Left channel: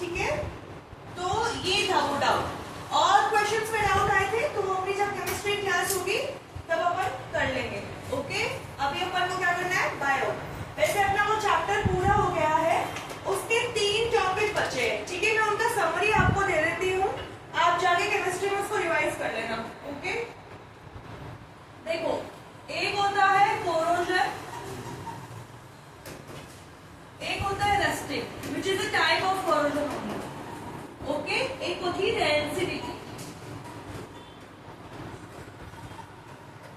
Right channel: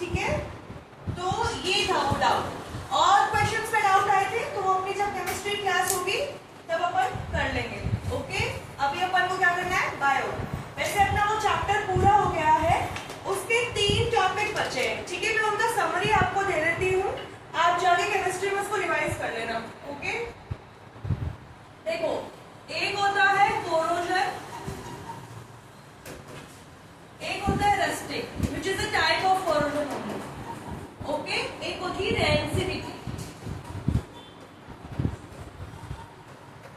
ठीक है, तो ये था वो डाउट। और क्वेश्चंस पे डाउट आए थे तो अपनी जब केमिस्ट्री क्लास होगी तब अपन कर लेंगे। ओके, अभी अपन को क्या करना है, बायो। वैसे अपना वो चैप्टर पूरा हो गया है, उसके 3 टॉपिक बचे हैं। ठीक है, मैं उनका समरी आपको दे देती हूँ, आप जाके केमिस्ट्री में उसको रिवाइज कर लेना। ओके, देखो एक होता है कोरोजन, एक होता है rusting which is a type of corrosion only. Okay, एक होती है रेंसिडिटी,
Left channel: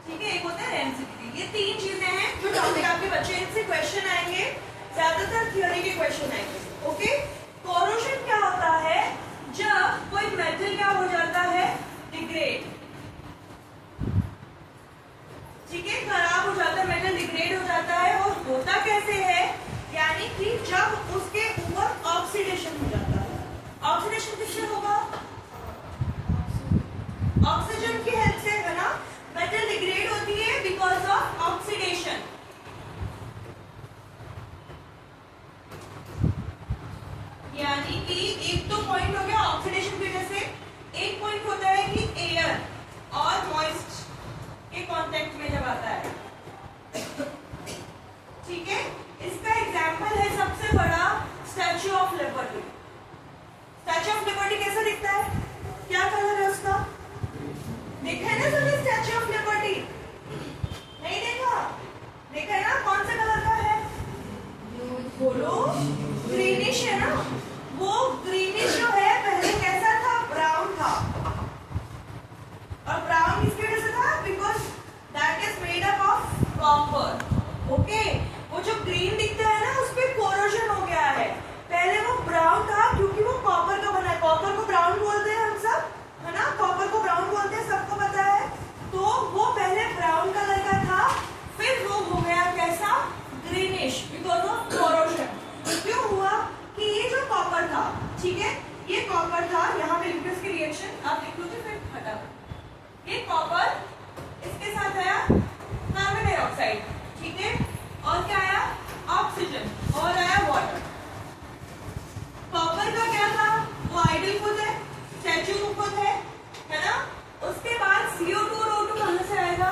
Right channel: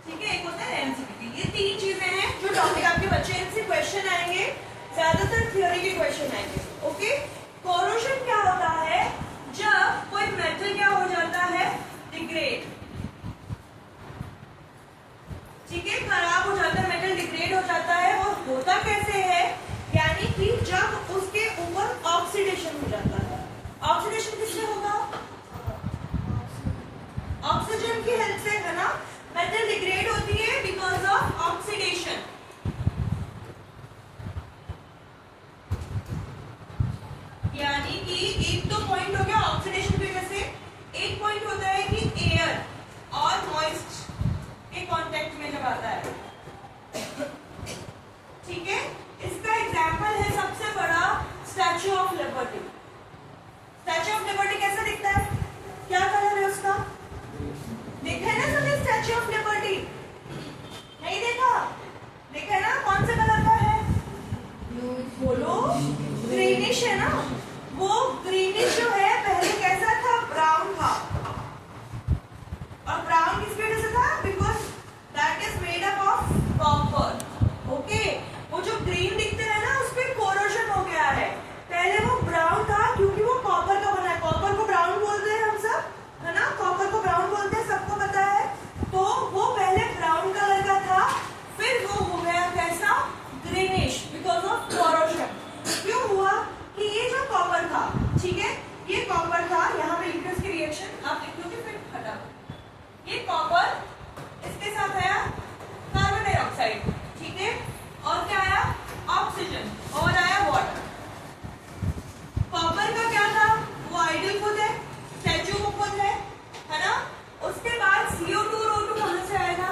ठीक है, एक होता है रेंसिडिटी। ये 3 चीजें हैं जो टॉपिक आपके बच्चे, इनसे क्वेश्चन आएंगे, ज्यादातर थ्योरी के क्वेश्चन आएंगे। ओके, कोरोजन क्या होता है, जब कोई मेटल क्या हो जाता है, डिग्रेड, ठीक है, खराब हो जाता है, मेटल डिग्रेड हो जाता है। और होता कैसे है, यानी कि जब उसके ऊपर ऑक्सीडेशन हो जाता है। ऑक्सीडेशन किससे होगा, ऑक्सीजन की हेल्प से, है ना। मेटल डिग्रेड होती है बिकॉज ऑफ ऑक्सीडेशन। यानी कि एक तो पॉइंट हो गया ऑक्सीडेशन की वजह से, एक पॉइंट होता है कि एयर और मॉइस्ट के कांटेक्ट में जब आता है, ठीक है। इसका एग्जांपल है सबसे बड़ा statue of liberty. Statue of liberty कैसा दिखता है, क्या कलर है उसका, देखा है ना सबने स्टैच्यू ऑफ लिबर्टी, नहीं देखा, देखा है ना, कौन सा कलर का है, बोलो, ग्रीनिश है ना। वो ग्रीनिश जो है पहले कैसा था, ब्राउन था, और ब्राउन किसकी वजह से था, because that is made up of copper. Okay, वो जो ग्रीन दिखता है ना, उस पे कोरोजन हो गया है। पहले वो ब्राउन था क्योंकि वो कॉपर का बना है, कॉपर को ब्राउन बोलते हैं हम सब, है ना, कॉपर को ब्राउन बोलते हैं, सबको पता है। तो वो पहले ब्राउन कलर का था, फिर वो हो गया कैसा, ग्रीनिश, बिकॉज ऑफ कोरोजन। क्यों हुआ कि ये जो कॉपर था, ठीक है, ये कॉपर था, यहाँ पे लिखते उसकी रिएक्शन आप लिखोगे, फिर हटा, ये कॉपर, इसके साथ आया कार्बन डाइऑक्साइड, ठीक है, और क्या आया, ऑक्सीजन, और आया वाटर। कॉपर का क्या था, वो आइडल खुद है, स्टैच्यू खुद है ना। उसके बाद CO2 और O2 कहां से आएगा,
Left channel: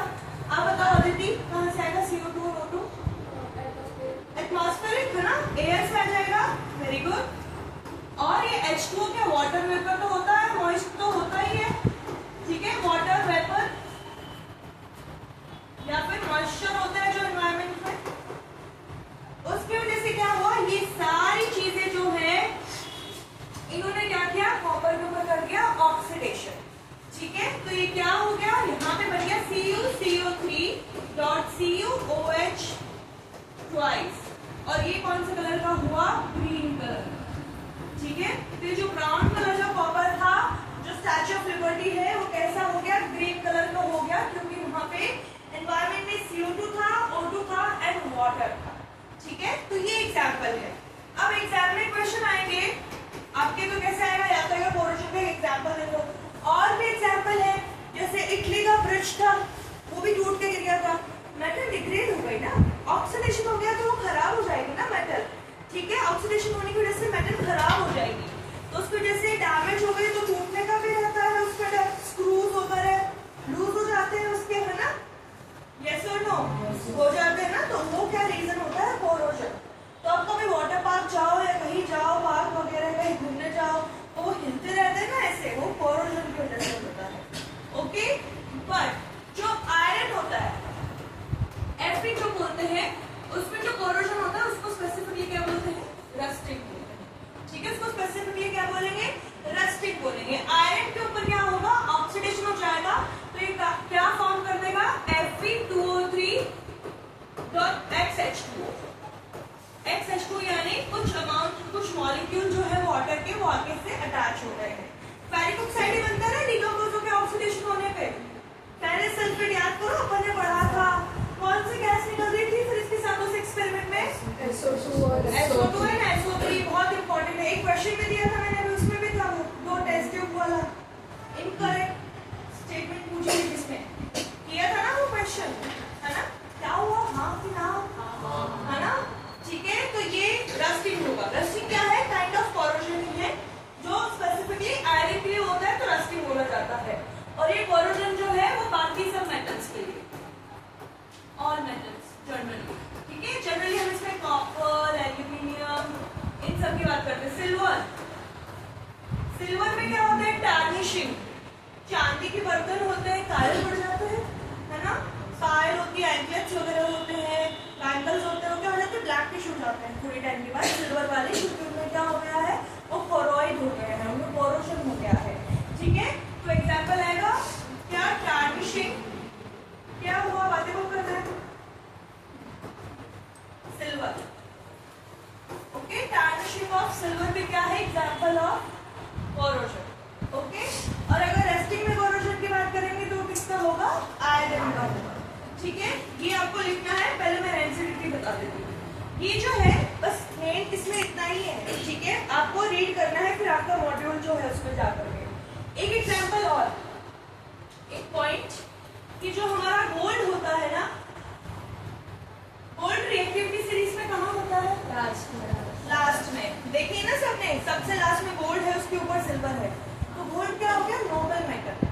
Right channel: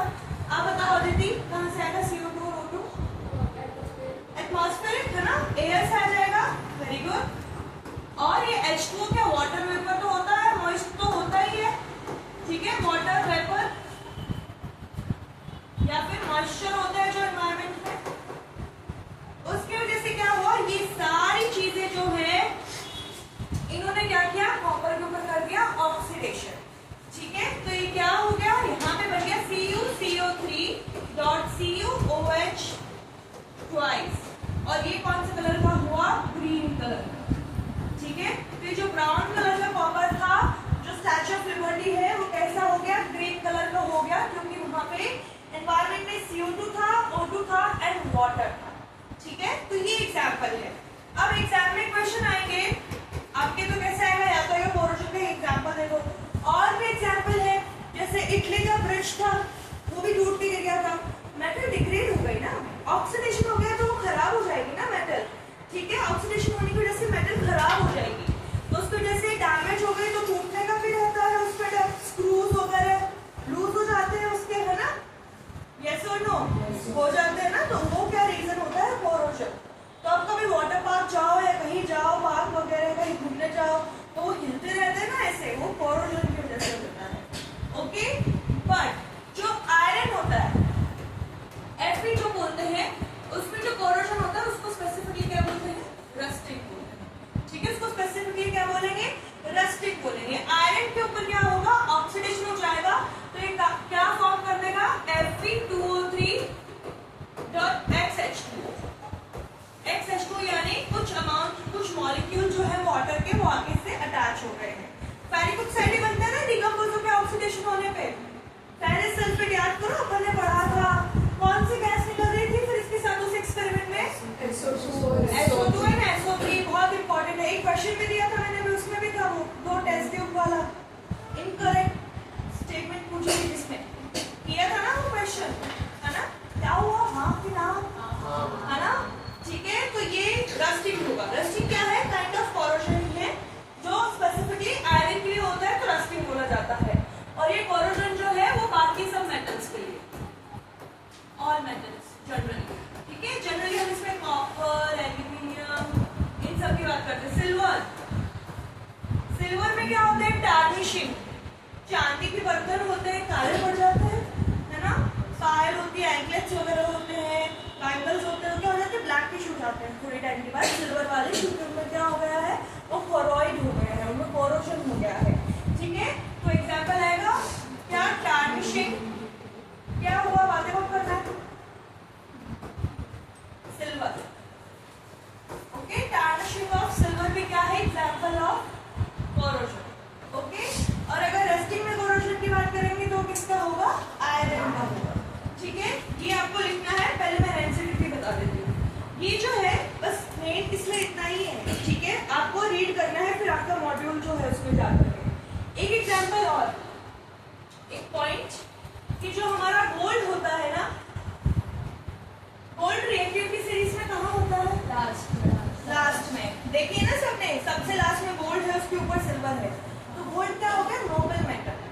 आप बताओ अदिति, कहां से आएगा CO2 और O2, एटमॉस्फेरिक, है ना, एयर से आ जाएगा, वेरी गुड। और ये H2O क्या वाटर वेपर तो होता है, मॉइस्ट तो होता ही है, ठीक है, वाटर वेपर या फिर मॉइस्चर होता है जो एनवायरमेंट में। उसकी वजह से क्या हुआ, ये सारी चीजें जो है इन्होंने क्या किया, कॉपर के ऊपर कर दिया ऑक्सीडेशन, ठीक है। तो ये क्या हो गया, यहाँ पे बन गया CuCO3.CuOH ट्वाइस, और ये कौन सा कलर का हुआ, ग्रीन कलर, ठीक है। तो जो ब्राउन कलर का कॉपर था, जो स्टैच्यू ऑफ लिबर्टी है, वो कैसा हो गया, ग्रीन कलर का हो गया, क्योंकि वहां पे एनवायरमेंट में CO2 था, O2 था एंड वाटर था, ठीक है। तो ये एग्जाम्पल है। अब एग्जाम में क्वेश्चन आएंगे आपके, तो कैसे आएगा, या तो ये कोरोजन का एग्जाम्पल है, तो और भी एग्जाम्पल है, जैसे इटली का ब्रिज था, वो भी टूट के गिर गया था, मेटल डिग्रेड हो गई ना, ऑक्सीडेशन हो गया, तो वो खराब हो जाएगी ना मेटल, ठीक है। ऑक्सीडेशन होने की वजह से मेटल खराब हो जाएगी, तो उसकी वजह से डैमेज हो गई, तो टूटने का भी रहता है, उसका स्क्रूज वगैरह लूज हो जाते हैं उसके, है ना, यस और नो, हो जाते हैं ना। तो वो क्या रीजन होता है, कोरोजन। तो अब कभी वाटर पार्क जाओ या कहीं जाओ, पार्क वगैरह कहीं घूमने जाओ, तो वो हिलते रहते हैं ना ऐसे, वो कोरोजन की वजह से होता है। ओके, बट जो आयरन होता है, Fe जो बोलते हैं, उसमें जो कोरोजन होता है उसको स्पेसिफिकली क्या बोलते हैं, रस्टिंग बोलते हैं, ठीक है। उसको स्पेसिफिकली क्या बोलेंगे, रस्टिंग बोलेंगे। आयरन के ऊपर क्या होगा, ऑक्सीडेशन हो जाएगा, तो ये क्या फॉर्म कर देगा, Fe2O3.XH2O। XH2 यानी कुछ अमाउंट, कुछ मॉलिक्यूल जो है वाटर के, वो आगे से अटैच हो गए हैं। फेरिक ऑक्साइड ही बनता है ना डिकम्पोज होकर ऑक्सीडेशन होने पे। फेरस सल्फेट याद करो, अपन ने पढ़ा था, कौन सी गैस निकल रही थी फिर इसके साथ उस एक्सपेरिमेंट में, SO2 एंड SO3, बहुत इंपॉर्टेंट है। एक क्वेश्चन भी दिया था मैंने, अभी उसमें भी था वो टेस्ट ट्यूब वाला, इनकरेक्ट स्टेटमेंट पूछी थी, जिसमें किया था ना वो क्वेश्चन, है ना, क्या हुआ, हाँ कि ना, है ना, ठीक है। तो ये रस्टिंग होगा। रस्टिंग क्या है, काइंड ऑफ कोरोजन है, चांदी के बर्तन होते हैं, काले पड़ जाते हैं, है ना। पायल होती है, एंकलेट्स वगैरह होते हैं, बैंगल्स होते हैं, क्या हो जाते हैं, ब्लैक टिश हो जाते हैं थोड़ी टाइम के बाद सिल्वर वाले, क्योंकि उनमें क्या हो गया है, वो कोरोइड हो गए हैं, उनमें कोरोशन हो गया है, ठीक है। तो एग्जाम्पल आएगा क्या, टार्निशिंग, क्या हुआ, बातें बहुत करना है, silver, okay. Tarnishing of silver पे क्या है, एग्जाम्पल ऑफ कोरोशन, ओके। और अगर रेस्टिंग में कोरोशन की बात करेंगे तो किसका होगा, आयरन का होगा, ठीक है। ये आपको लिखना है, पहले मैं रेंसिडिटी बता देती हूँ। ये जो है बस मेन इसमें इतना ही है, ठीक है। आपको रीड करना है, फिर आपका मॉड्यूल जो है उसमें जाकर के एक एग्जाम्पल और एक पॉइंट कि जो हमारा गोल्ड होता है ना, गोल्ड रिएक्टिव की सीरीज में कहाँ होता है, लास्ट में देखिए ना सबने, सबसे लास्ट में गोल्ड है, उसके ऊपर सिल्वर है, तो गोल्ड क्या हो गया, नोबल मेटल।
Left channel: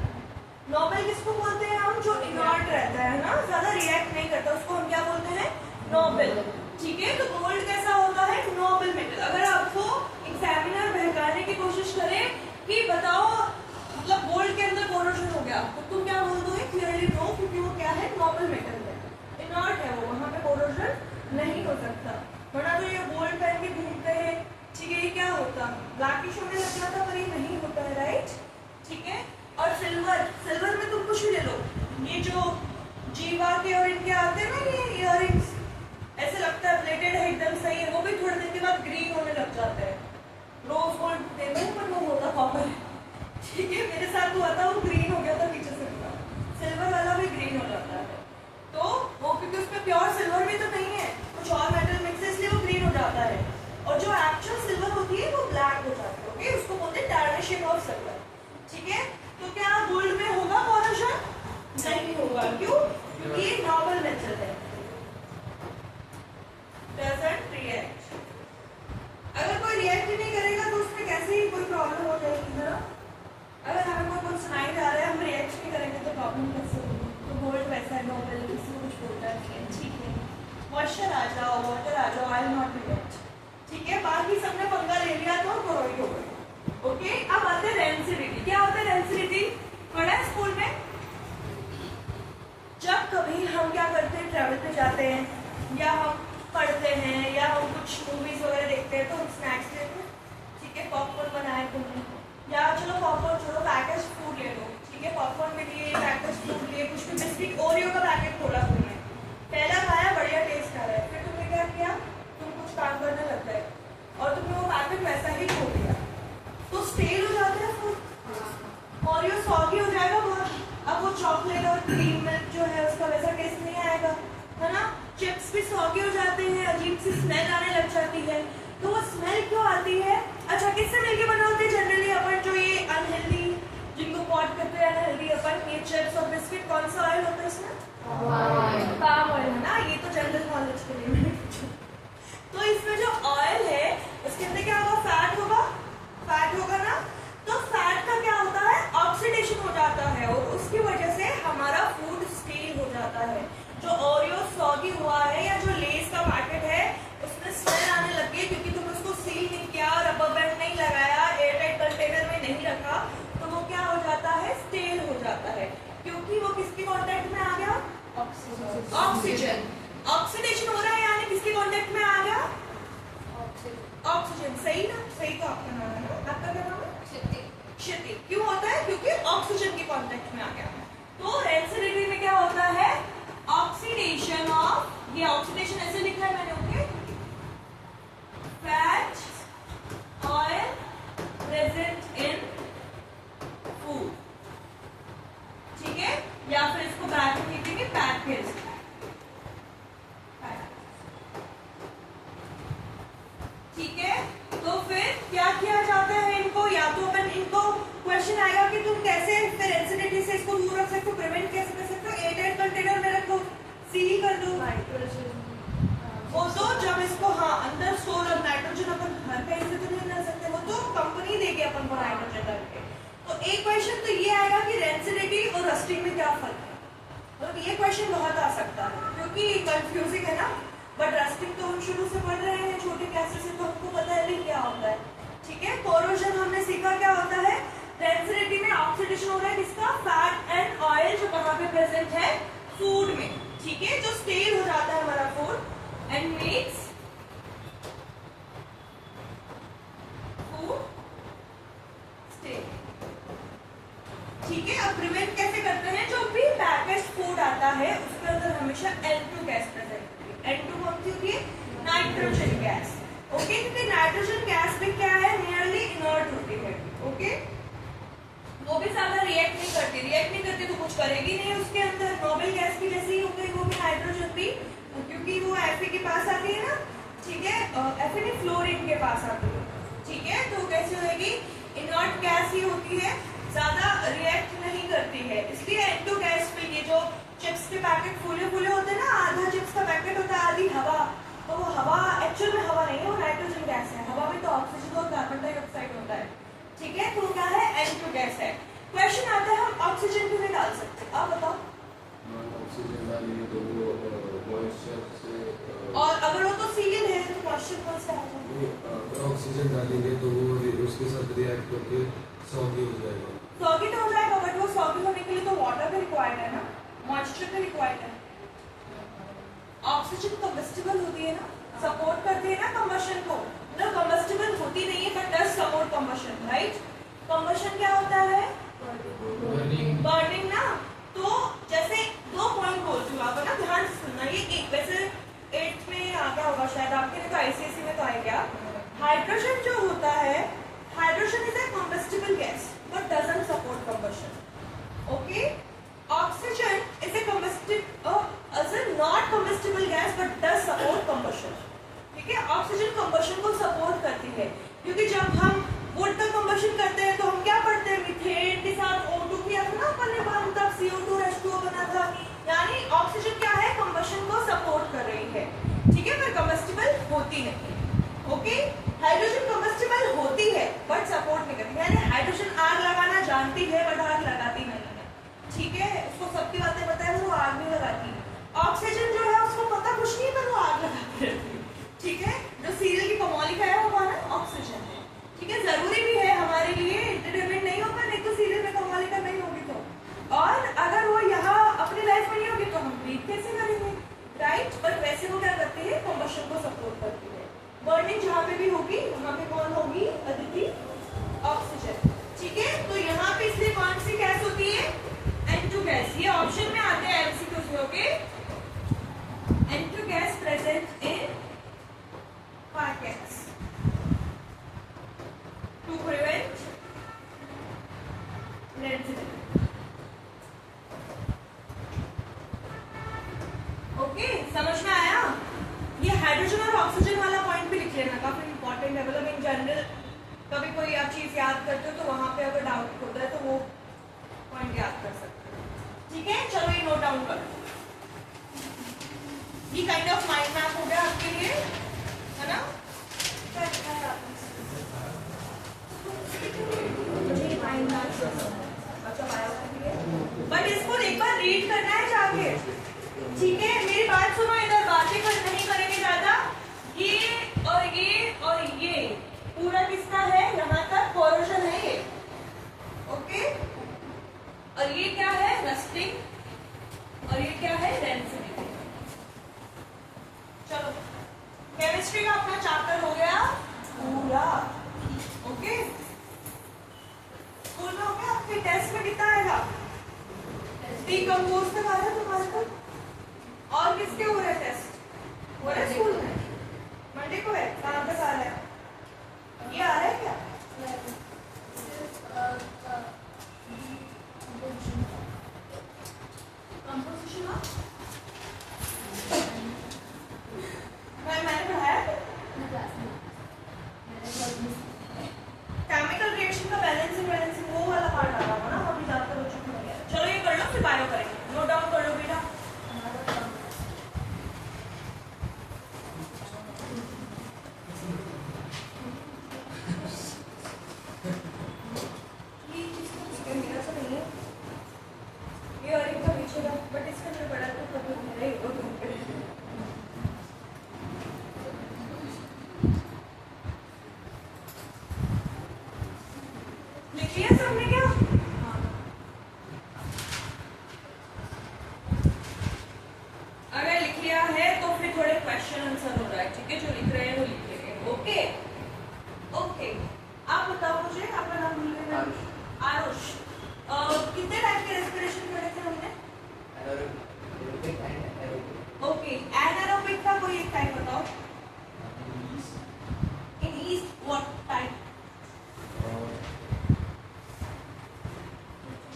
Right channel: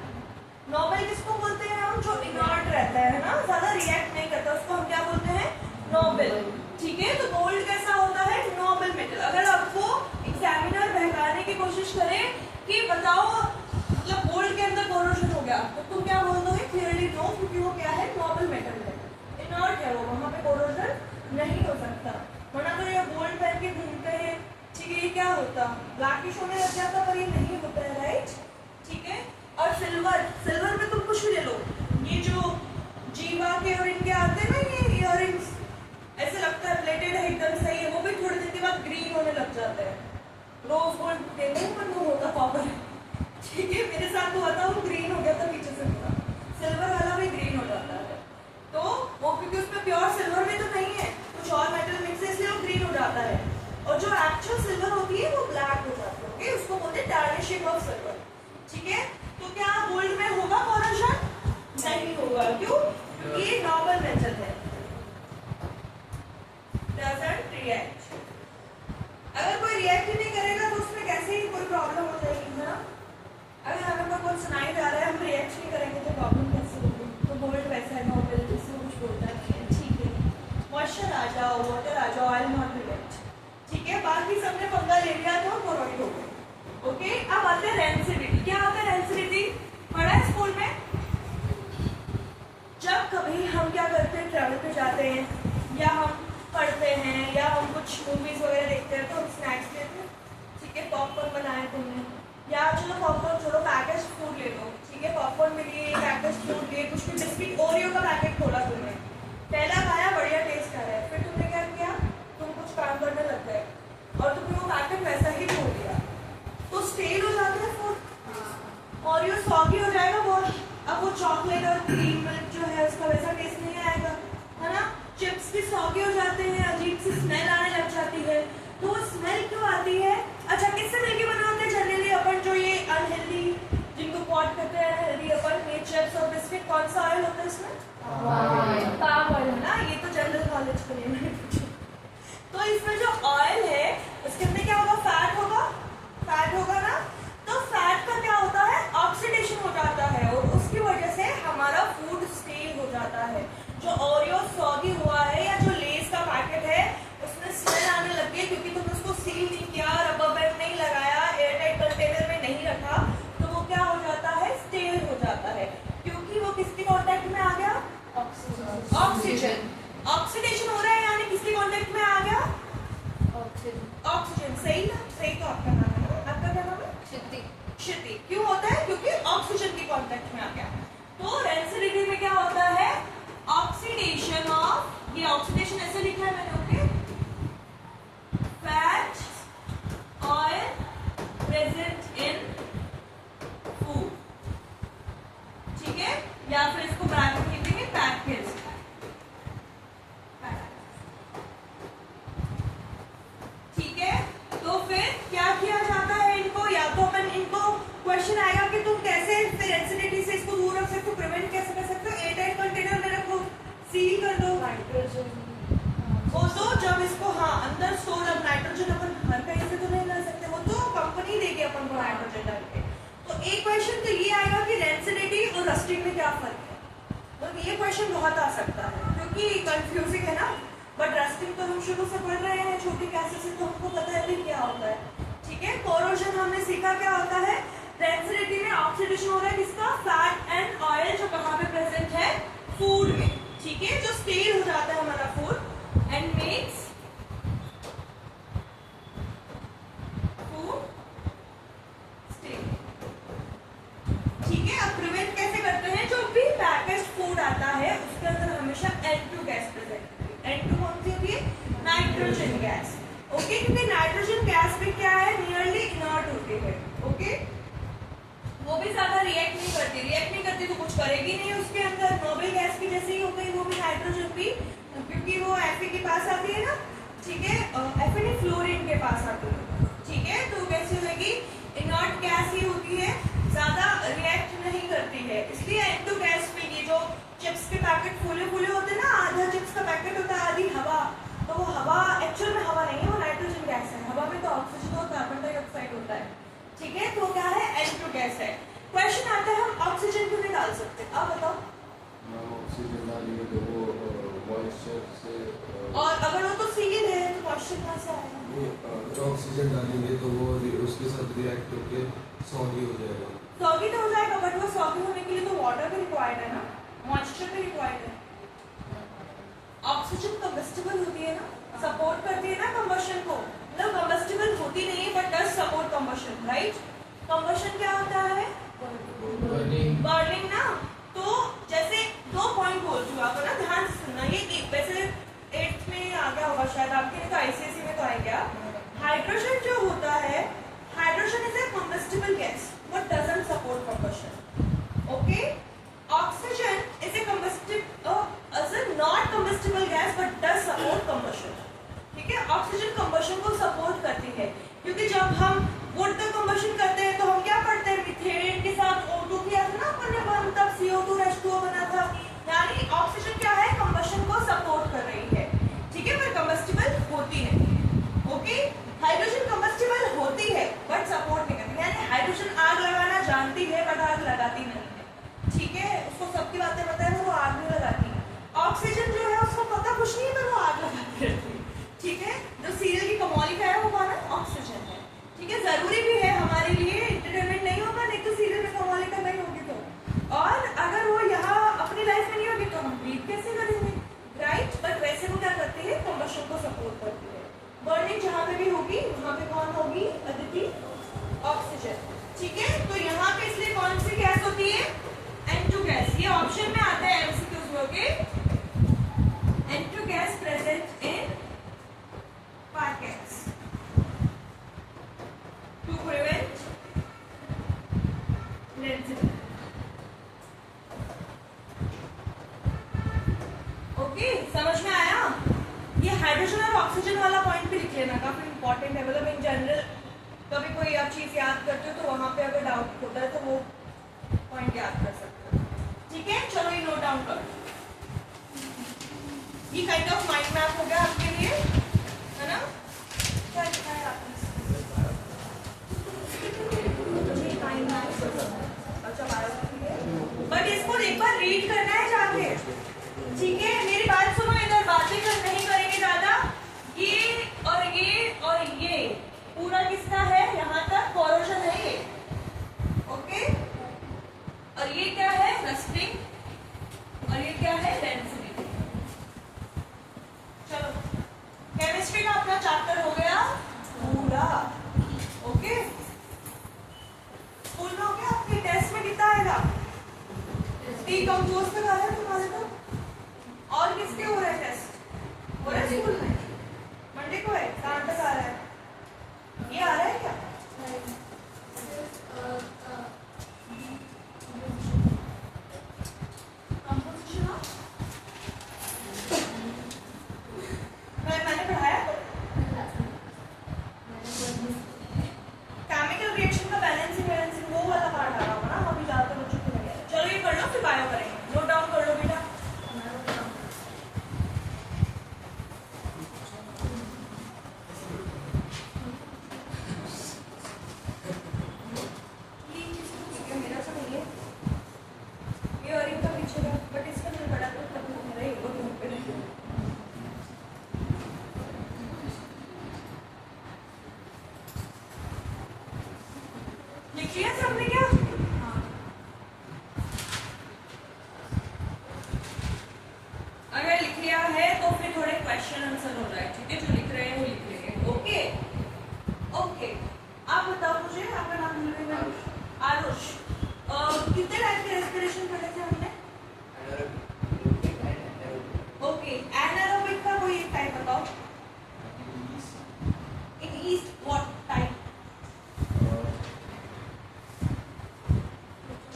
नोबल किसको बोलते हैं हम, जो इनर्ट रहता है ना, ज्यादा रिएक्ट नहीं करता, उसको हम क्या बोलते हैं, नोबल, ठीक है। तो गोल्ड कैसा होता है, नोबल मेटल। अगर आपको एग्जामिनर बहकाने की कोशिश करे कि बताओ मतलब गोल्ड के अंदर कोरोशन हो गया, तो तुम क्या बोल दोगे, क्लियरली नो, क्योंकि वो क्या है, नोबल मेटल है, इनर्ट है वो, वहां पे कोरोशन नहीं हो सकता। वरना तो ये गोल्ड पहन के घूमते हैं, ठीक है, ये क्या होता, ब्लैकिश होने लग जाता, पर ये नहीं होता है, राइट, ठीक है। और सिल्वर, सिल्वर में तुम कुछ भी ले लो, ये जो जीवा के और इनके आते हैं ना, ये इयररिंग्स, ऐसे लगता है प्लेटेड है, एकदम सही है, वो भी थोड़े दिन के बाद ग्रीन होने लग जाते हैं। रोज गोल्ड देते हैं पर वो होता कॉपर, ठीक है। मेरे साथ हुआ था, वो ग्रीन हो गया था पीछे से, सिल्वर वाला भी ग्रीन हो जाता है, तो वो क्योंकि उसमें प्योर सिल्वर भी तो नहीं है, कुछ और मेटल मिक्स है, इसलिए वो ग्रीन हो जाता है। और जो एक्चुअल सिल्वर होती है वो ब्लैक हो जाती है, ओके, उसको बोलते हैं टार्निशिंग ऑफ सिल्वर, ठीक है। तो क्या गोल्ड में होगा कोरोशन, नहीं होगा, क्यों, क्योंकि ये नॉर्मल मेटल है, डजंट रिएक्ट। अगर कोई रिएक्ट ही नहीं करेगा तो उसमें कैसे ही कोई प्रॉब्लम हो जाएगी ना। अगर हमें कोई सुनाई जा रहा है, हम रिएक्ट नहीं करेंगे तो प्रॉब्लम कैसे होगी। तो गोल्ड वैसा है, नोबल, इसमें कुछ बोलता है, ठीक है। मॉइस्चर आ जाओ, वाटर आ जाओ, आई नॉट रिएक्ट, ठीक है। बाकी सबने पंगा ले लिया तो कोरोइड हो गई, ओके। अब आते हैं रेंसिडिटी। क्या होता है रेंसिडिटी, पढ़ा है स्कूल में। जब कभी हम क्या करते हैं, ट्रैवल पे जाते हैं, या हम पढ़ते हैं, या हम कुछ मूवीज वगैरह देखते हैं, तो हम स्नैक्स लेते हैं, ठीक है। पॉपकॉर्न बनाए तुमने, या चलो पॉपकॉर्न छोड़ो, पैकेज फूड ले लो, ठीक है। पॉपकॉर्न में लिए, पैकेज फूड लिए, कुछ भी बिस्किट, ओरियो का पैकेट खोला तुमने, पहला खाया, बढ़िया टेस्ट आ रहा है, फिर तुमने क्या किया, तुम कुछ काम करने लग गए और तुमने वो पैकेट वैसा ही छोड़ दिया, तो स्टेल हो जाता है फूड, ओरियो सॉगी हो जाएगा बहुत। अब वो चॉकलेट और क्रीम मिल्क जो है उसका वैसा टेस्ट नहीं आएगा, है ना। चिप्स भी सॉगी हो जाते हैं, अजीब सी स्मेल आने लग जाती है। तो वो स्मेल क्यों आती है, अच्छा किससे मिलके बना होते हैं जनरली अपन, जो ये अनहेल्दी जिनको पॉट करते हैं अनहेल्दी अपन, ये चिप्स और बिस्किट, कौन सा ऑयल होता है इसमें, पाम ऑयल, है ना। ये तो जनरल नॉलेज के लिए मैंने पूछा। तो इसमें जो ऑयल है उसके अंदर क्या होगा, फैट होगा, फैट होगा ना। तो फैट का क्या होता है, ऑक्सीडेशन हो जाता है, और उसकी वजह से हमारा फूड स्टील हो जाता है। जो ओरियो सॉगी हुआ है, या जो लेस का पैकेट है, उसमें स्मेल आने लगी है, क्योंकि तुमने उसको सील नहीं किया, रबर बैंड नहीं लगाया, एयरटाइट कंटेनर में नहीं रखा, तो वो क्या हो जाता है, स्टेल हो जाता है, क्योंकि वो किसके कांटेक्ट में आ गया, ऑक्सीजन। ऑक्सीडेशन हो रहा है, यानी किसके कांटेक्ट में आ गया, ऑक्सीजन, सही ना, सही तो आपका नाम है ना, आपका क्या नाम है, क्षिति। क्षिति क्यों होता है, क्योंकि ऑक्सीजन के कांटेक्ट में आ गया। तो रेंसिडिटी में क्या होता है, ऑक्सीडेशन ऑफ, ये ऑक्सीडेशन ऐसे लिखा है मैंने, okay, fat oil present in food, ठीक है। या फिर इसको ब्रैकेट लिखेंगे, पैकेज, ठीक है। तो फिर क्या किया जाता है इनको, या तो अपन इनको क्वेश्चन आएगा कि तुम कैसे फिर एसिडिटी से इसको दूर रख सकते हो, प्रिवेंट कैसे कर सकते हो, एयरटाइट कंटेनर में रखो, सील कर दो, नाइट्रोजन वो तो जब इसको, हाँ, अंदर स्टोर, अब नाइट्रोजन अपन घर पे इससे तो नहीं ला सकते, वो तो कंपनी देगी अपन को नाइट्रोजन डाल के। तो एक क्वेश्चन तो ये आएगा कि रेंसिडिटी और रस्टिंग में क्या फर्क है, तो ये क्वेश्चन बहुत आ सकता है, क्योंकि कंफ्यूजिंग है ना। बट रस्टिंग तो हम शुरू से पढ़ रहे हैं छोटी क्लासेस से, तो हमको पता है नहीं क्या होता है, ठीक है। कोरोजन हमने सीखा क्या होता है, रेंसिडिटी में ऑक्सीडेशन हो रहा है किसका, फूड में, ठीक है, जो स्टेल हो जाता है हमारा food and makes food stale, ठीक है। अब प्रिवेंट कैसे करते हैं, जो भी पैकेज फूड आता है उसके अंदर हमेशा N2 गैस प्रेजेंट होती है। N2 कौन सी होती है, नाइट्रोजन गैस, ओके, क्योंकि नाइट्रोजन गैस में क्या है, नियरली इनर्ट होती है, ओके, वो भी ज्यादा रिएक्ट नहीं करती तो कुछ करेगी नहीं उसके अंदर, नोबल गैस की जैसे ही हो गई वो भी, हाइड्रोजन भी, क्योंकि वो Fe के पास आती है ना, ठीक है, Fe नहीं फ्लोरीन के पास आती है, ठीक है, तो कैसे होगी, इनर्ट गैस ही होती है, ज्यादा रिएक्ट नहीं करती है, इसलिए N2 गैस में ये जो चिप्स के पैकेट फूले फूले होते हैं ना, आधा चिप्स का पैकेट होता है, आधी हवा, तो वो हवा एक्चुअल में हवा नहीं है, वो नाइट्रोजन गैस है, हवा में तो ऑक्सीजन और कार्बन डाइऑक्साइड होता है, ठीक है, तो क्या है, N2 गैस है। क्वेश्चन आता है हम ऑक्सीजन क्यों नहीं डाल सकते, आप बताओ। ऑक्सीजन डालेंगे तो वो मॉइस्चर से, और अगर वो तो सील है तो मॉइस्चर कहाँ से आएगा, अगर ऑक्सीजन डालेंगे तो वो उसके साथ रिएक्ट करके सॉगी हो जाएगा। सॉगी तो हो जाएगा, बट वो सॉगी होने के लिए तो वाटर भी रिक्वायर्ड है ना, मॉइस्चर भी रिक्वायर्ड है। ऑक्सीजन कंबस्टिबल होती है ना, सपोर्ट करती है ना कंबशन को, मतलब कंबस्टिबल होती नहीं है but does support combustion, right. Combustion क्या होता है, बर्निंग ना, तो जैसे 2 पॉइंट बोल चुका आपको ना, ध्यान से सुनना, ये एक वैसे 8th में आ गया होगा शायद आपके, नहीं तो ICSE में तो आ गया। हाइड्रोजन जो होता है, hydrogen is a combustible gas but doesn't support combustion, okay. Oxygen is a not combustible gas but does support combustion, ठीक है। ऑक्सीजन कंबशन को सपोर्ट करती है, क्योंकि जब हम वुड का कंबशन करते हैं तो हम क्या पढ़ते हैं, मीथेन के साथ O2 किया था ना अपन ने, तब CO2 H2O बना था, यानी ऑक्सीजन क्या है, कंबशन को सपोर्ट कर रही है, ठीक है, पर कंबस्टिबल होती नहीं है, ओके। हाइड्रोजन कंबस्टिबल होती है बट सपोर्ट नहीं करती, यानी हाइड्रोजन आग लगाना जानती है बट आग लगाती नहीं है, ठीक है, उसको सबकी बातें पता है, वो आग नहीं लगाती। ऑक्सीजन जो है उसको पता कुछ नहीं, पर वो आग लगाती रहती है, ठीक है। जो सीरियल की कमौलिका है वो हमारा ऑक्सीजन है, ठीक है, जरूरी भी है हमारे लिए, एंटरटेनमेंट नहीं होगा, नहीं तो सीरियल में कमौलिका नहीं होगी तो, और अगर वो यहाँ अपनी लाइफ में नहीं होगी तो हम ब्रीथ कैसे करेंगे, राइट। बट वैसे वो क्या करती है, कंबशन को सपोर्ट करती है। बर्निंग जहाँ पे भी होगी वहाँ पे कौन होगी, अदिति, ऑक्सीजन, ठीक है। तो यहाँ पे इसलिए कौन सी गैस होती है, N2 गैस, ये ऑप्शन में आते हैं MCQs में, okay. N2 gas present in packets to prevent density, okay, समझ में आया। ये हाइड्रोजन और ऑक्सीजन वाला पॉइंट भी लिख लेना, काफी इंपॉर्टेंट है, मतलब इन जनरल कभी कोई आप चीज याद करते हो तो वहां पे अगर डाउट होता है तो वो पॉइंट याद कर सकते हो, ठीक है। चलो ये नोट डाउन करो, ये काइंड ऑफ माइंड मैप हो गया आपके लिए, है ना। क्या लिखा है आपने, बट इसको एक बार रीड करना है जाके, ठीक है। मेरी बात सुनो, इधर बातें नहीं करेंगे ज्यादा, ये और ये और ये पूरा किसका है, यहाँ तक कोरोजन है ये, ओके। और ये क्या है, रस्टिंग, और ये क्या है, डेंसिटी। चलो, केमिस्ट्री का अपना चैप्टर हो गया पूरा, ओके। स्कूल में हो गया, आपके टेस्ट में कितना आएगा, डीकंपोज तक आ रहा है तुम्हारे को, और किसके हो रहे टेस्ट, हो रहा है स्कूल में, मंडे को है, कहाँ तक आ रहा है, ये आ रहा है क्या, कंपोजिशन, मैंने पढ़ाया केमिकल रिएक्शन का बैलेंसिंग वो वाला पार्ट आ रहा होगा ना, अभी ज्यादातर बच्चों को नहीं है। चलो ये कर लो, फिर बायो करेंगे, नोट डाउन कर लो बेटा। मेरा तो नहीं है ये, और इनका पीछे का, बट इसका जो बड़ा तो खत्म हो रहा है, वो ढूंढ के लिख लिया सबने क्या, ईस्ट व्हाट टाइप?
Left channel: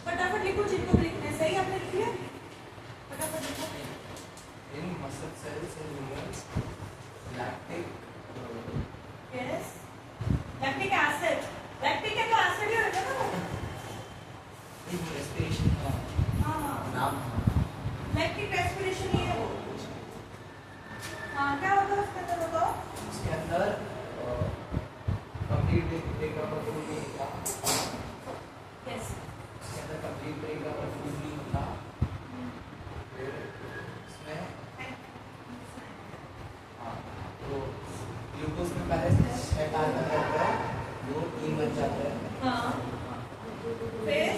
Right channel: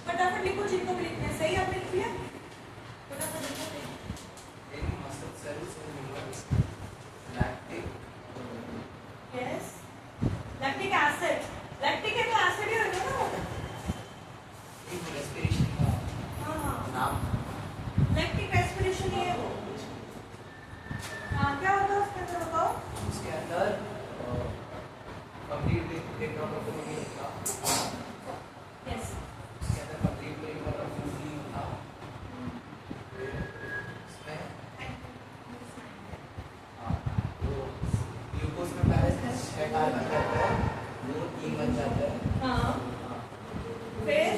फटाफट लिखो जिनको भी लिखना है। सही आपने लिख लिया? फटाफट लिखो। In muscle cells in humans, lactic yes, lactic acid. Lactic है तो एसिड ही होगा ना? in respiration हाँ हाँ, नाम लैक्टिक रेस्पिरेशन ही है वो। हाँ, क्या होता है उसके अंदर बताओ? उसके अंदर कंप्लीट ब्रेकअप ऑफ फूड था। यस, उसके अंदर कंप्लीट ब्रेकअप ऑफ फूड था। उसमें हाँ तो ग्लूकोज में पहले 6 टारगेट रहता है, वो 3 बन जाता है। हाँ, फिर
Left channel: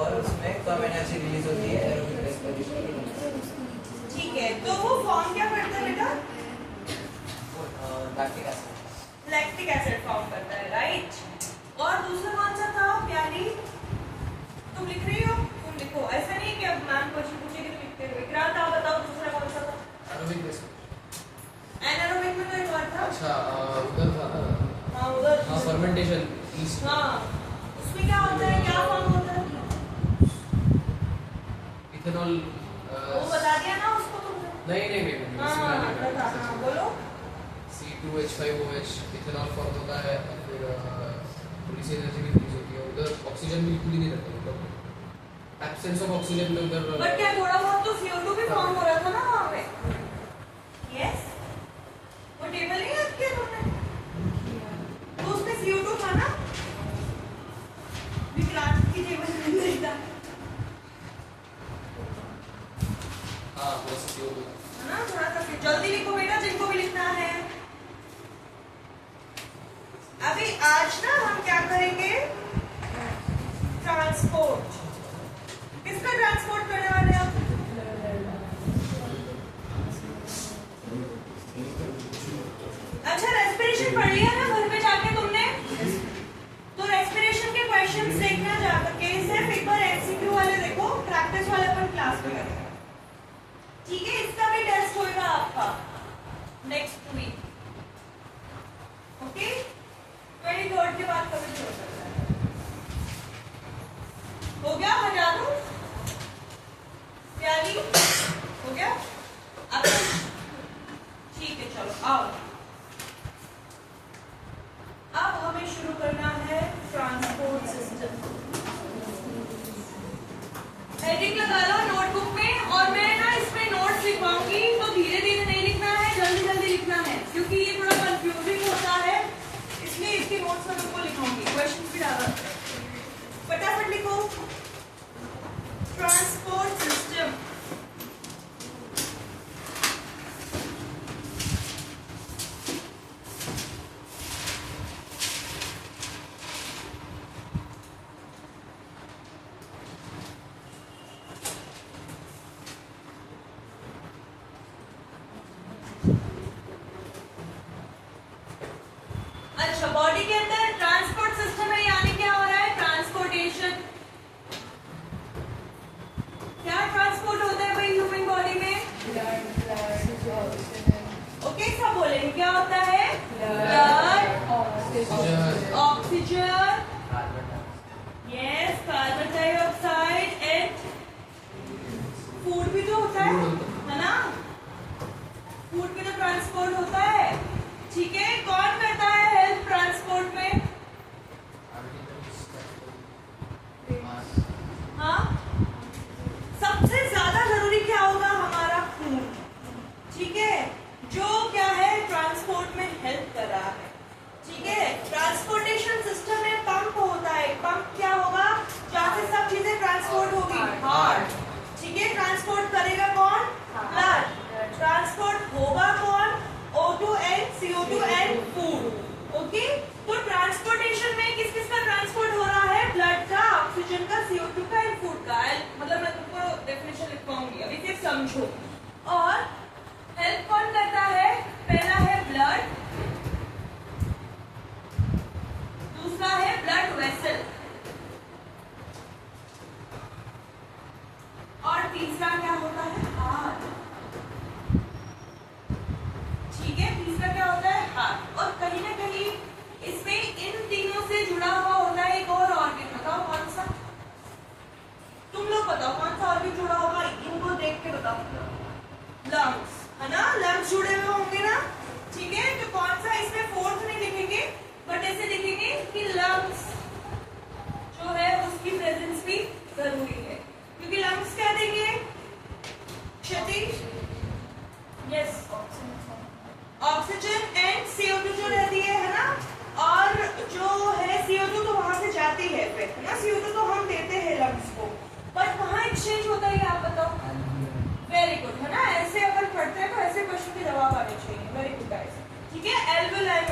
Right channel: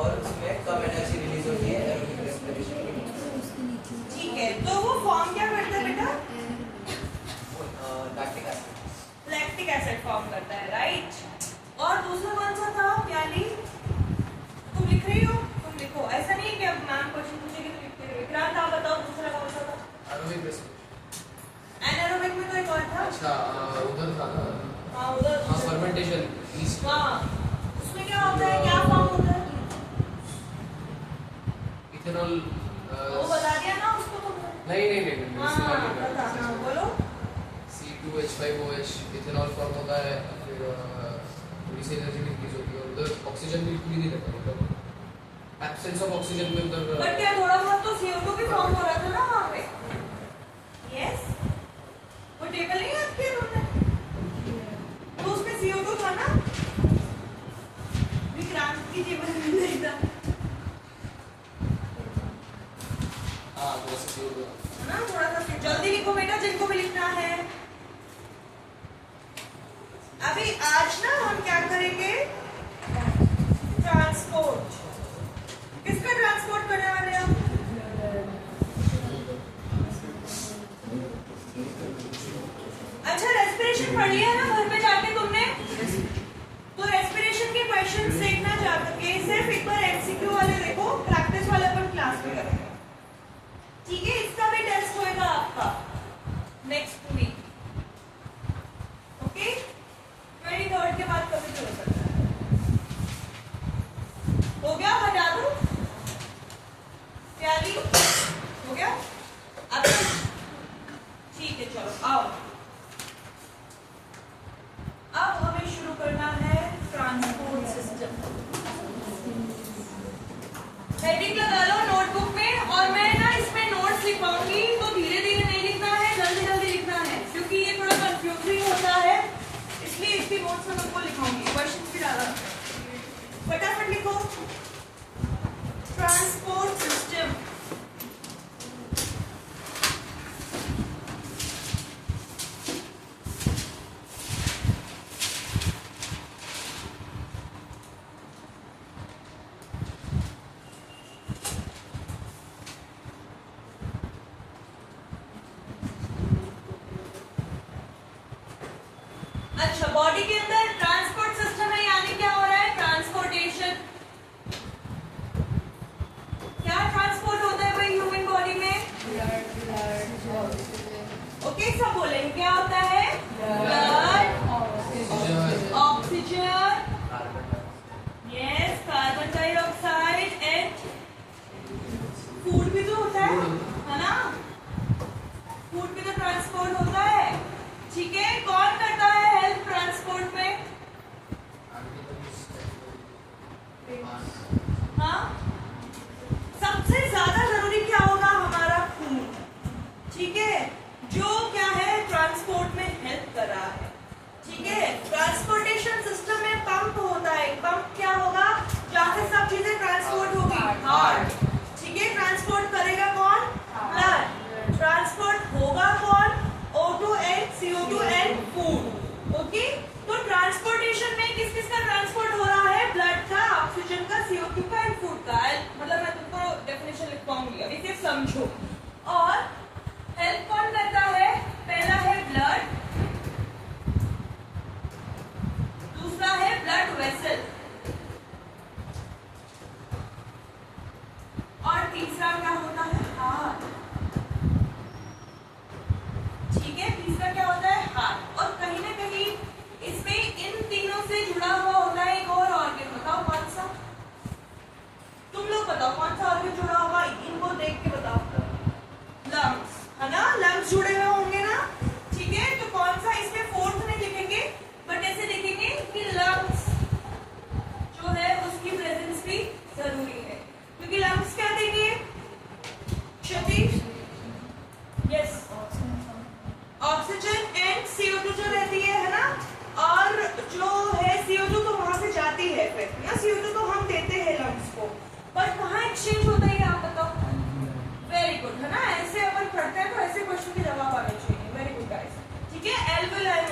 और उसमें कम एनर्जी रिलीज होती है एरोबिक रेस्पिरेशन। ठीक है, तो वो फॉर्म क्या करता है बेटा? Lactic acid. Lactic acid form करता है, राइट। और दूसरा कौन सा था प्याली? तुम लिख रही हो? तुम लिखो, ऐसा नहीं है कि अब मैम क्वेश्चन पूछेगी तो लिखते रहो। विक्रांत आप बताओ दूसरा कौन सा था? Aerobic respiration. एनारोबिक में तो एक और था। अच्छा उधर था ना। हाँ उधर। हाँ फर्मेंटेशन ईस्ट। हाँ, उसमें क्या होता है, क्या फॉर्म होता है? इथेनॉल। वो बता दिया ना उसको तुमने। नहीं हाँ बता, हाँ बोलो। C2H5OH इथेनॉल फॉर्म होता है, फिर थोड़ी सी एनर्जी रिलीज होती है। उधर ऑक्सीजन बिल्कुल ही नहीं रहता, मतलब एब्सेंस ऑफ ऑक्सीजन में उधर। बट क्या थोड़ा बहुत तो CO2 भी फॉर्म हो रहा था ना वहाँ पे? यस, वो टेबल नहीं याद किया तुमने? तो उसमें CO2 था ना? विक्रांत की टेबल नहीं था हाँ वो CO2 है ना? थोड़ा सा फिर जल्दी लिखो बेटा जिनको भी लिखना है। अभी आज ना हम क्या करेंगे? ट्रांसपोर्ट। किसका ट्रांसपोर्ट करने वाले हैं हम? अच्छा, रेस्पिरेशन पढ़ लिया ना घर में जाके तुमने? तो रेस्पिरेशन के क्वेश्चंस देखना जा करके सिर्फ एक बार एमसीक्यू वाले देखो, प्रैक्टिस वाले अपन क्लास में करेंगे। ठीक है, इसका भी टेस्ट होगा आपका नेक्स्ट वीक। ओके, 23rd के बाद कभी शुरू करना है। हो गया? बजा दूं? प्याली हो गया? अब ठीक है, चलो आओ। अब हमें शुरू करना है ट्रांसपोर्ट सिस्टम। हेडिंग लगा लो नोटबुक में, और मैं ना इसमें नोट्स लिखवाऊंगी, तो धीरे धीरे नहीं लिखना है, जल्दी जल्दी लिखना है, क्योंकि ये थोड़ा कंफ्यूजिंग होता है, इसलिए इसकी नोट्स में तुमको लिखाऊंगी। क्वेश्चन की ज्यादा फटाफट लिखो। Transport system. अच्छा, बॉडी के अंदर ट्रांसपोर्ट सिस्टम है, यानी क्या हो रहा है? ट्रांसपोर्टेशन। क्या ट्रांसपोर्ट होता है भाई ह्यूमन बॉडी में? ओके, सब बोलेंगे क्या होता है? Blood, oxygen, yes, carbon dioxide and food भी तो होता है ना? फूड भी तो ट्रांसपोर्ट होता है। ठीक है, कौन करता है हेल्प ट्रांसपोर्ट में? हाँ, सबसे ज्यादा जरूरी क्या होगा? हमारा खून। ठीक है, जो क्या है ट्रांसपोर्ट में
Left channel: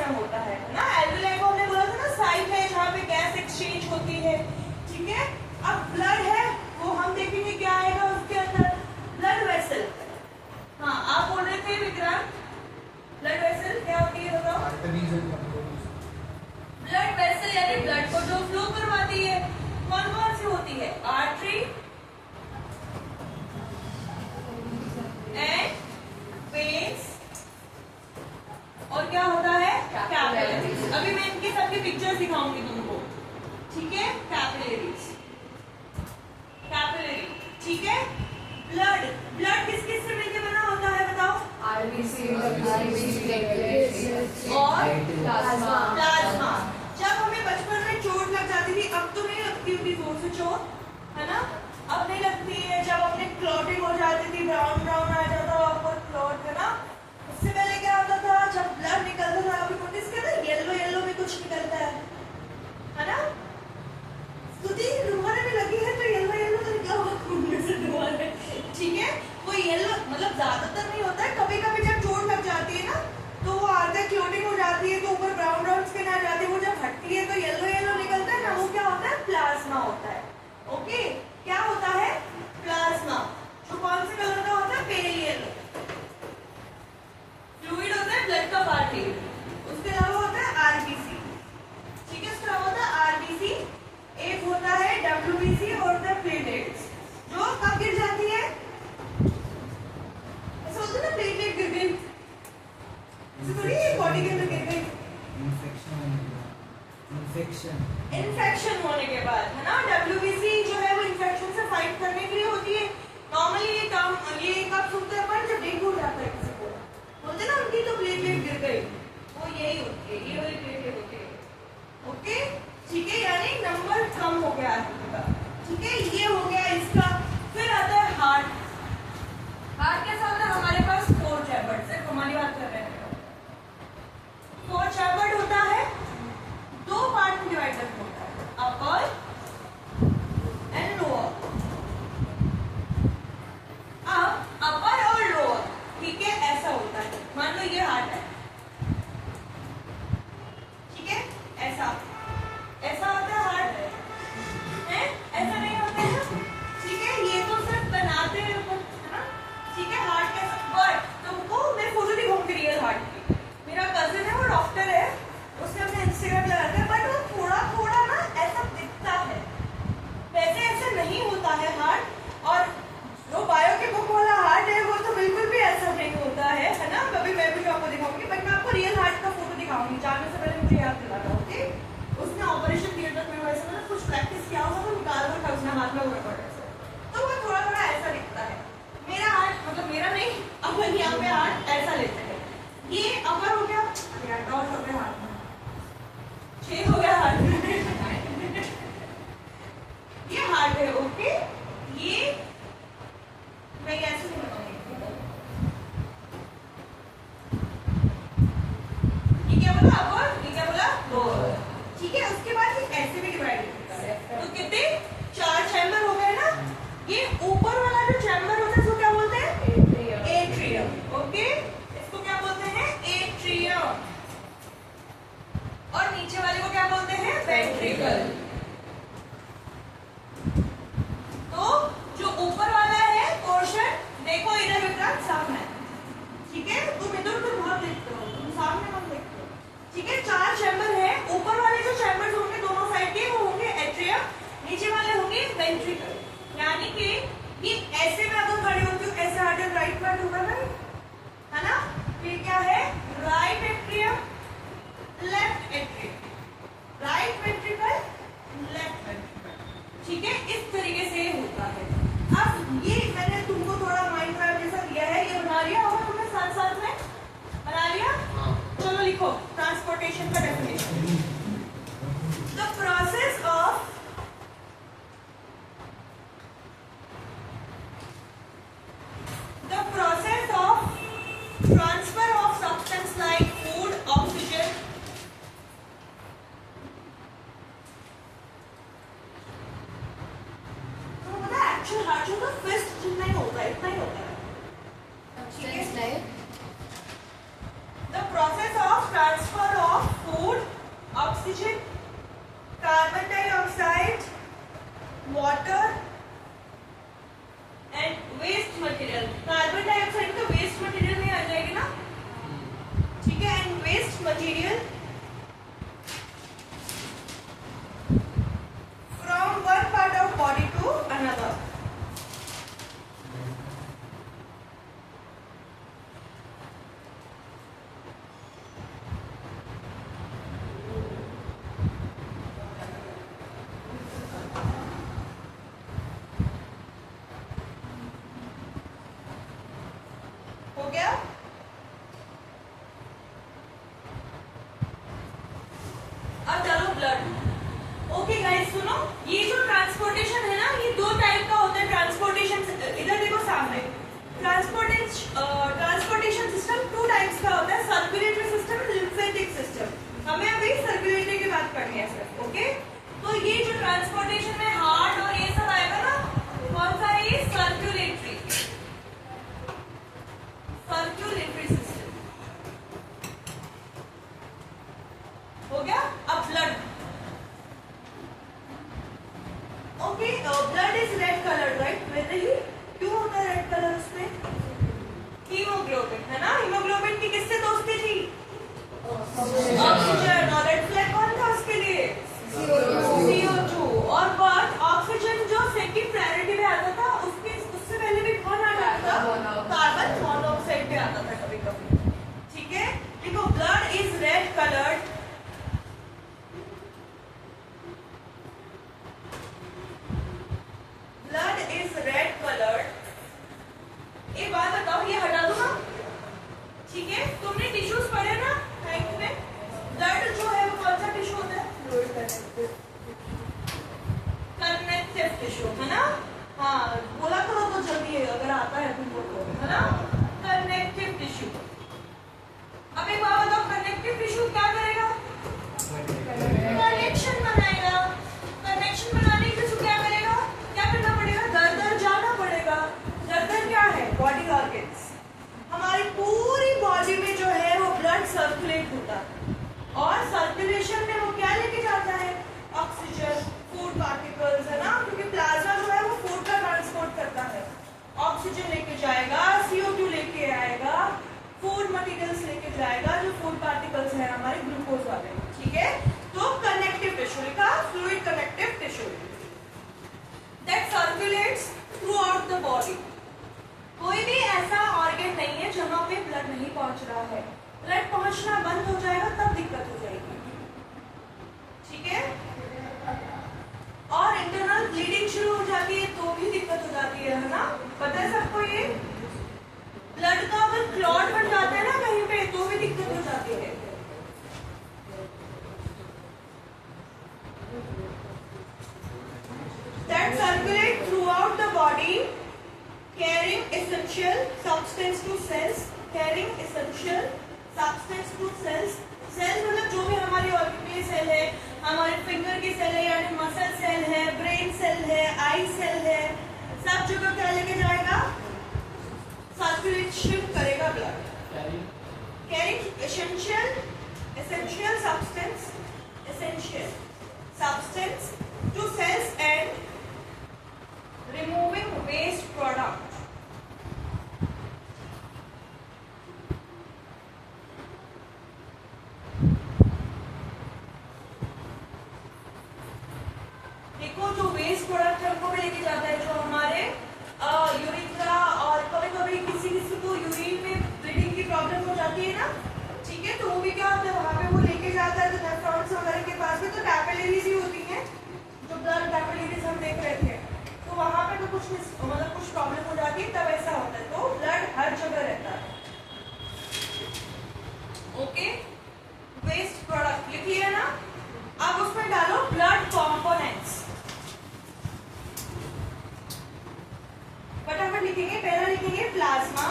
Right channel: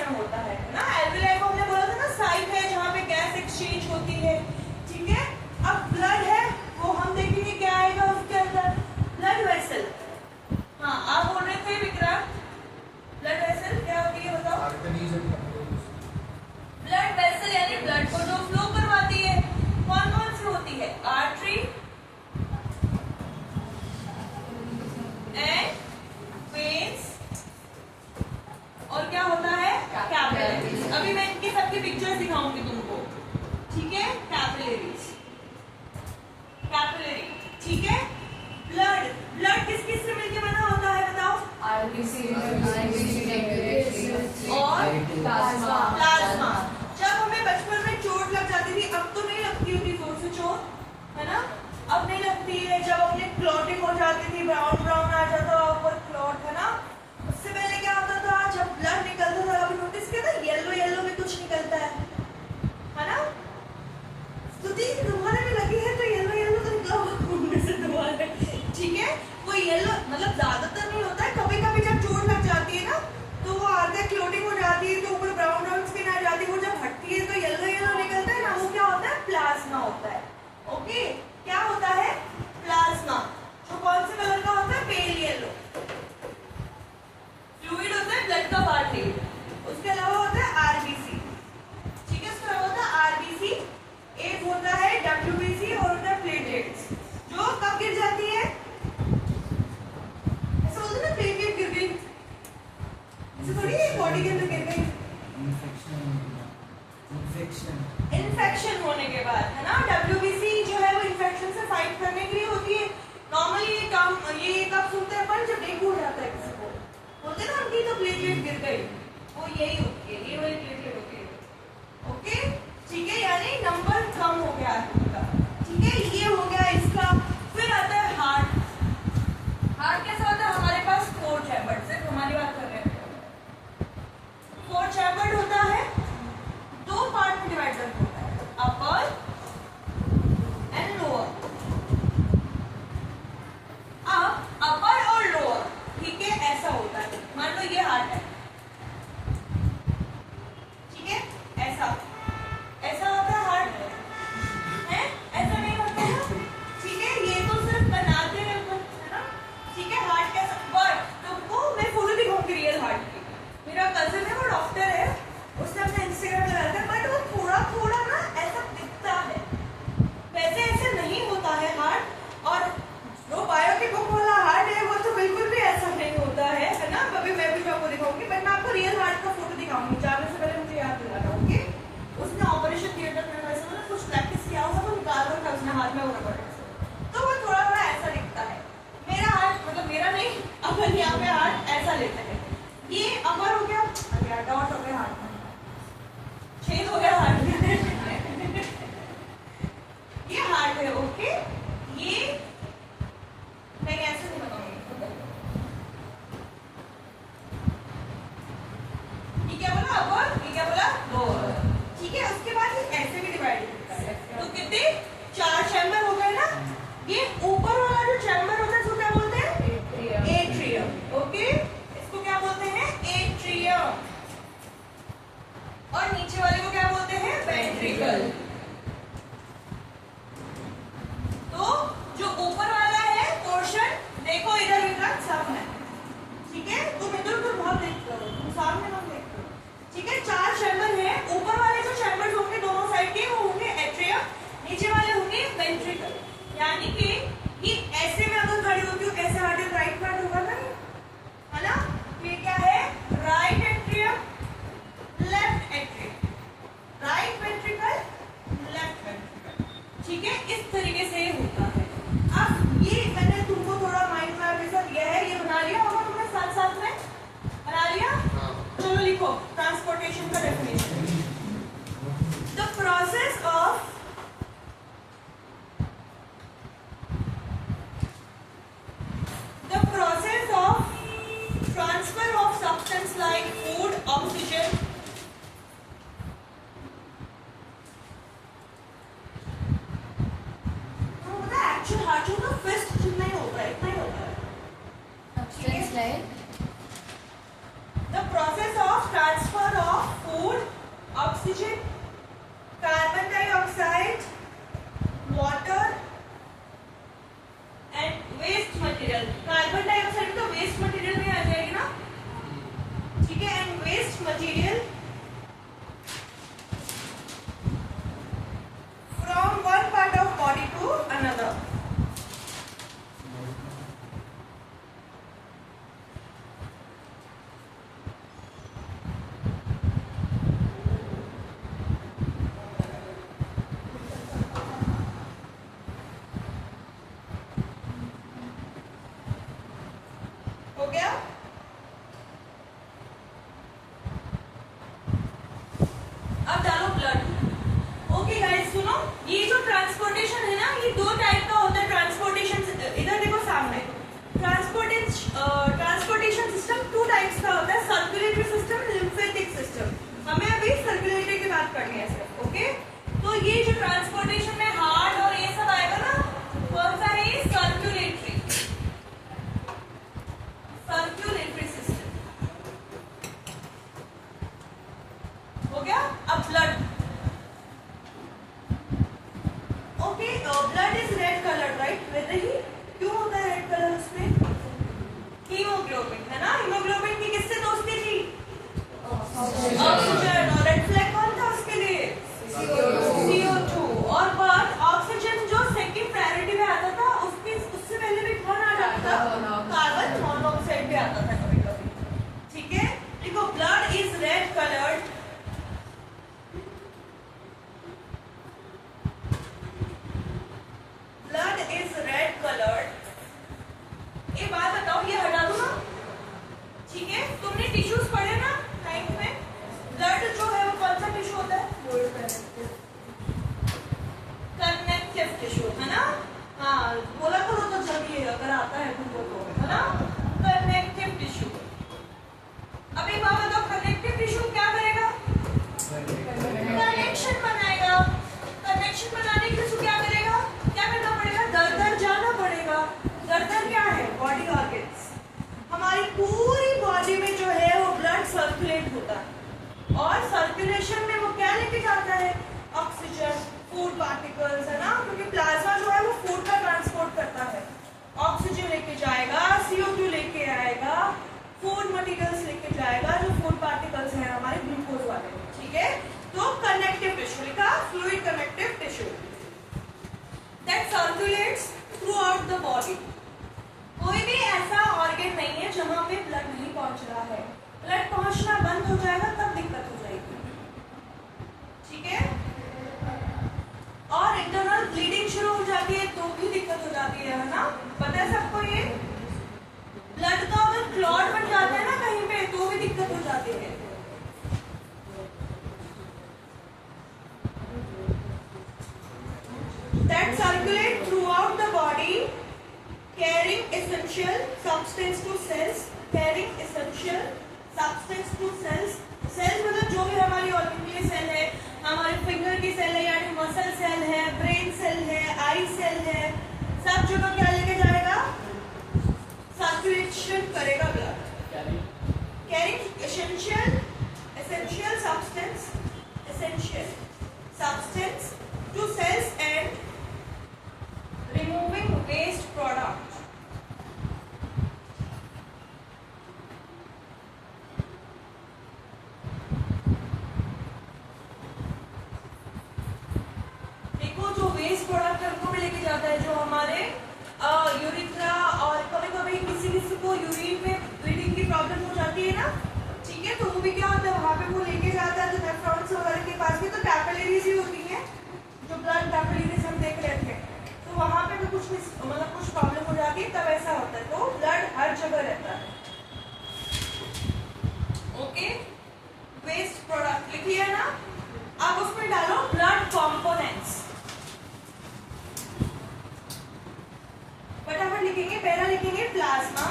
में होता है ना। एल्वियोलाई को हमने बोला था ना साइट है जहाँ पे गैस एक्सचेंज होती है, ठीक है। अब ब्लड है वो हम देखेंगे क्या आएगा उसके अंदर, ब्लड वेसल। हाँ आप बोल रहे थे विक्रांत, ब्लड वेसल क्या होती है बताओ। ब्लड वेसल यानी ब्लड को जो फ्लो करवाती है, कौन कौन सी होती है, आर्टरी एंड वेन्स, और क्या होता है कैपिलरीज। अभी मैं इनकी सबकी पिक्चर्स दिखाऊंगी तुमको, ठीक है। कैपिलरीज, कैपिलरी, ठीक है। ब्लड, ब्लड किस किस से मिलकर बना होता है बताओ, आरबीसी और प्लाज्मा। प्लाज्मा। जब हमें बचपन में चोट लग जाती थी, अब तो नहीं लगती होती जोर से चोट, है ना, अब नहीं लगती है। जब अपने क्लॉटिंग हो जाती थी, ब्राउन ब्राउन आ जाता ऊपर क्लॉट, है ना। उससे पहले क्या होता था, जब ब्लड निकलता था कभी नोटिस किया था येलो येलो में कुछ निकलता है ना। स्तुति तुम्हारे में लगी है तो येलो येलो तो निकला हुआ खून में से तुम्हारे, ठीक है। वो येलो मतलब ज्यादातर नहीं होता है, कभी कभी जब चोट लग जाती है ना तो वो आगे क्लोटिंग हो जाती है तो ऊपर ब्राउन ब्राउन स्किन आ जाती है, वो जब हटती है तो येलो येलो निकलता है ना, वो क्या होता है, प्लाज्मा होता है। ओके, क्या होता है, प्लाज्मा, जो कौन से कलर का होता है, पेल येलो। फ्लूइड होता है ब्लड का पार्ट, उसके अलावा होता है आरबीसी, ठीक है। उसके अलावा होता है आरबीसी, एक होता है डब्ल्यूबीसी और होता है प्लेटलेट्स, जो कब गिर जाती है, ऐसा होता है ना प्लेटलेट गिर गई, ऐसे थोड़ी बॉडी के अंदर गिर गई, इन्फेक्शन होने के बाद, है ना। डब्ल्यूबीसी जो है वो इन्फेक्शन से फाइट करने के लिए होती है। नॉर्मली ये काम ये कब सुनते हैं अपन, जब डेंगू हो जाता है किसी को, बोलते हैं ना उनकी तो प्लेटलेट गिर गई, वो यही होती है, ये वाली प्लेटलेट होती है। ओके, ठीक है, यानी नंबर कम हो गया है, ठीक है। ये हो गया इसका। फिर आता है हार्ट। हार्ट कैसा होता है, हमारे पास 4 चैम्बर, सिर्फ हमारी बात कर रहे हैं, 4 चैम्बर होता है, 2 पार्ट में डिवाइडेड होता है, अपर एंड लोअर। अब अपर और लोअर, ठीक है, ऐसा होता है। मान लो ये हार्ट है, ठीक है, ऐसा ऐसा होता है हार्ट, है, ऐसा नहीं होता है, ठीक है। ये तो सिर्फ बनाते हैं ऊपर, है ना, ठीक है। हार्ट कैसा, बट तुमको मैं फोटो दिखाऊंगी रियल हार्ट की। मेरा कजिन है, वो डॉक्टर है, उसने अपने इंस्टाग्राम लगाया था, बट वो थोड़ा थोड़ा ना ऐसा दिखता है, वैसे ऐसे नहीं होता है हार्ट। और जो बायो की बुक वाला हार्ट है वो तो बिल्कुल भी ऐसा नहीं होता है ना। अभी मैं भी आपको दिखाऊंगी, बट मैं आपको रियल हार्ट का फोटो दिखाऊंगी, जाने से पहले मुझे याद दिलाना, ओके। उसने ऑपरेशन थिएटर में वैसे मतलब कुछ प्रैक्टिस किया होगा तो निकाल कर था उसने हाथ में वो, तो वो थोड़ा थोड़ा ऐसा दिखता है। मेरा हार्ट मतलब मेरा नहीं, अपन यहाँ पे हार्ट ऐसा लेते हैं, ये अपर हो गया, डॉट हो गया हार्ट में, छेद हो गया हार्ट में, ये हार्ट है, ओके। ये नहीं ऐसे नहीं बताऊंगी, ये क्या बोला अपर, ये क्या बोला लोअर, ठीक है। उसके बाद ये ऐसे भी डिवाइड होता है, तो कितने 4 चैम्बर हो गए ना। ये ऊपर वाला जो चैम्बर होता है उसको क्या बोलते हैं, एट्रियम, ओके। इसको क्या बोलते हैं, एट्रियम। और नीचे वाले को क्या बोलते हैं, वेंट्रिकल। तो जो ऊपर वाला है पोर्शन, देखो इधर विक्रांत सामने, ठीक है, तुम इधर उधर बहुत देखते हो, तुम सामने मत देखते हो, ठीक है। 4 चैम्बर है, ऊपर वाले जो चैम्बर्स होंगे दोनों साइड के वो होंगे एट्रियम, नीचे वाले होंगे वेंट्रिकल। यानी कि ये ऐसे में अगर खड़ी होती हूँ, ऐसे हार्ट एंड राइट पार्ट होगा ना, है ना। ये क्या है, right atrium, left atrium, right ventricle, left ventricle, ठीक है। इस तरीके से होता है। अब ये मैंने तुमको थोड़ा माइंड मैप जैसा दिया है, ये बना लिया होगा तुमने साथ साथ में, बना लिया, चलो लिखो ट्रांसपोर्टेशन का definition. The process of transfer of substance like food, oxygen, तो मतलब एक्चुअल हार्ट का फिस्ट जितना ही होता है, इतना ही होता है, Substance like the process of transfer of अब डालो ब्लड। ओके गाइस सुनो, ये जो ट्रांसपोर्टेशन है ना, ये दो टाइप का होता है ट्रांसपोर्टेशन। इधर देखो सामने, ट्रांसपोर्टेशन सिस्टम टू टाइप्स का होता है, सर्कुलेटरी सिस्टम, लिम्फेटिक सिस्टम। हमें अभी सर्कुलेटरी की बात करनी है सर। ओके, तो ये जो ट्रांसपोर्टेशन में हार्ट और ये सब आएगा ना, कौन सा है ये? सर्कुलेटरी, सर्कुलेटरी सिस्टम हो गया। अब blood. Okay, blood is red colour right? वेदरली क्यों होता है रेड कलर उसमें? हीमोग्लोबिन है ना, हीमोग्लोबिन की किससे दोस्ती थी? ऑक्सीजन। और रेड फ्लैग कौन था उसके लिए? CO2। और बट ऑक्सीजन जो सेकंड प्रायोरिटी में आता था, उससे पहले भी कौन आ जाता था? कार्बन मोनोऑक्साइड भी आता था कभी कभी। ठीक है, देखो blood is red coloured. Blood is red coloured. एक बात बताओ, ये हटा दो ना, ठीक है? तुमने टिश्यूज पढ़े ना नाइन्थ में? ब्लड जो है वो कौन सा टिश्यू होता है? कनेक्टिव टिश्यू है ना? हाँ बोला करो तो जल्दी है, अगर आता है तुमको तो, है ना? Connective tissue. अब एक बात बताओ, कनेक्टिव टिश्यू क्या करेगा? कनेक्शन बनाएगा। कनेक्शन बनाने के लिए क्या करेगा? क्या करना पड़ेगा? दर दर जाना पड़ेगा। दर दर क्या है? Body organs. हमारी पूरी बॉडी में जो है वो ब्लड सर्कुलेट होता है, और सर्कुलेशन में वो क्या लेके जाता है? ऑक्सीजन, फूड पार्टिकल्स, है ना? क्योंकि प्लाज्मा जो है वो फूड का ट्रांसपोर्ट करता है। ऑक्सीजन लेके जाएगा, CO2 लेके आएगा, फूड मटेरियल्स लेके जाएगा, जो फूड पार्टिकल्स हैं हमारे ग्लूकोज वाले। ठीक है, तो कनेक्टिव टिश्यू लिखा, fluid connective tissue that circulates through out the body. कोई भी ऐसा ऑर्गन नहीं है जहां पे ब्लड नहीं पहुंच रहा है। ब्लड पहुंचना बंद हो जाएगा तब दिक्कत हो जाएगी। ठीक है, और इंटरनल ब्लीडिंग शुरू हो जाती है तो भी दिक्कत हो जाती है ना? पता है सबको ये? ब्लड का अगर क्लॉट बन जाता है ना कहीं पे तो भी दिक्कत हो जाती है। That circulate throughout the body, carrying essential substance to cells, carrying essential substance to cells। Cell मतलब जो भी हमारी ऑर्गन के सेल है, हमारे फिंगर की सेल है, यानी मसल सेल है, ब्रेन सेल है, आई सेल है, सब जगह क्या लेके जाएगा? सर्कुलेशन करेगा blood. Carrying essential substance to cells and removing waste product। देखो जो वेस्ट प्रोडक्ट है उनको भी लेके जाता है, जो हमारे यूरिथ्रा, और कभी कभी किसी को यूरिन में ब्लीडिंग की प्रॉब्लम हो जाती है ना, ठीक है, तो वो भी क्या होता है वहां पे वो लेके जाता है। तो नेफ्रॉन्स वगैरह के पास भी तो कैपिलरीज ही होती हैं, जो ब्लड कैपिलरीज हम देख रहे थे, तो वहां पे भी कुछ मतलब कुछ प्रॉब्लम हो जाती है तब ऐसा होता है। तो ब्लड हर जगह रहता है। ओके, वेस्ट प्रोडक्ट लिखिए ना, आप उसमें डालो ब्लड कॉम्पोनेंट्स। फटाफट लिखेंगे, पहला लिखेंगे प्लाज्मा,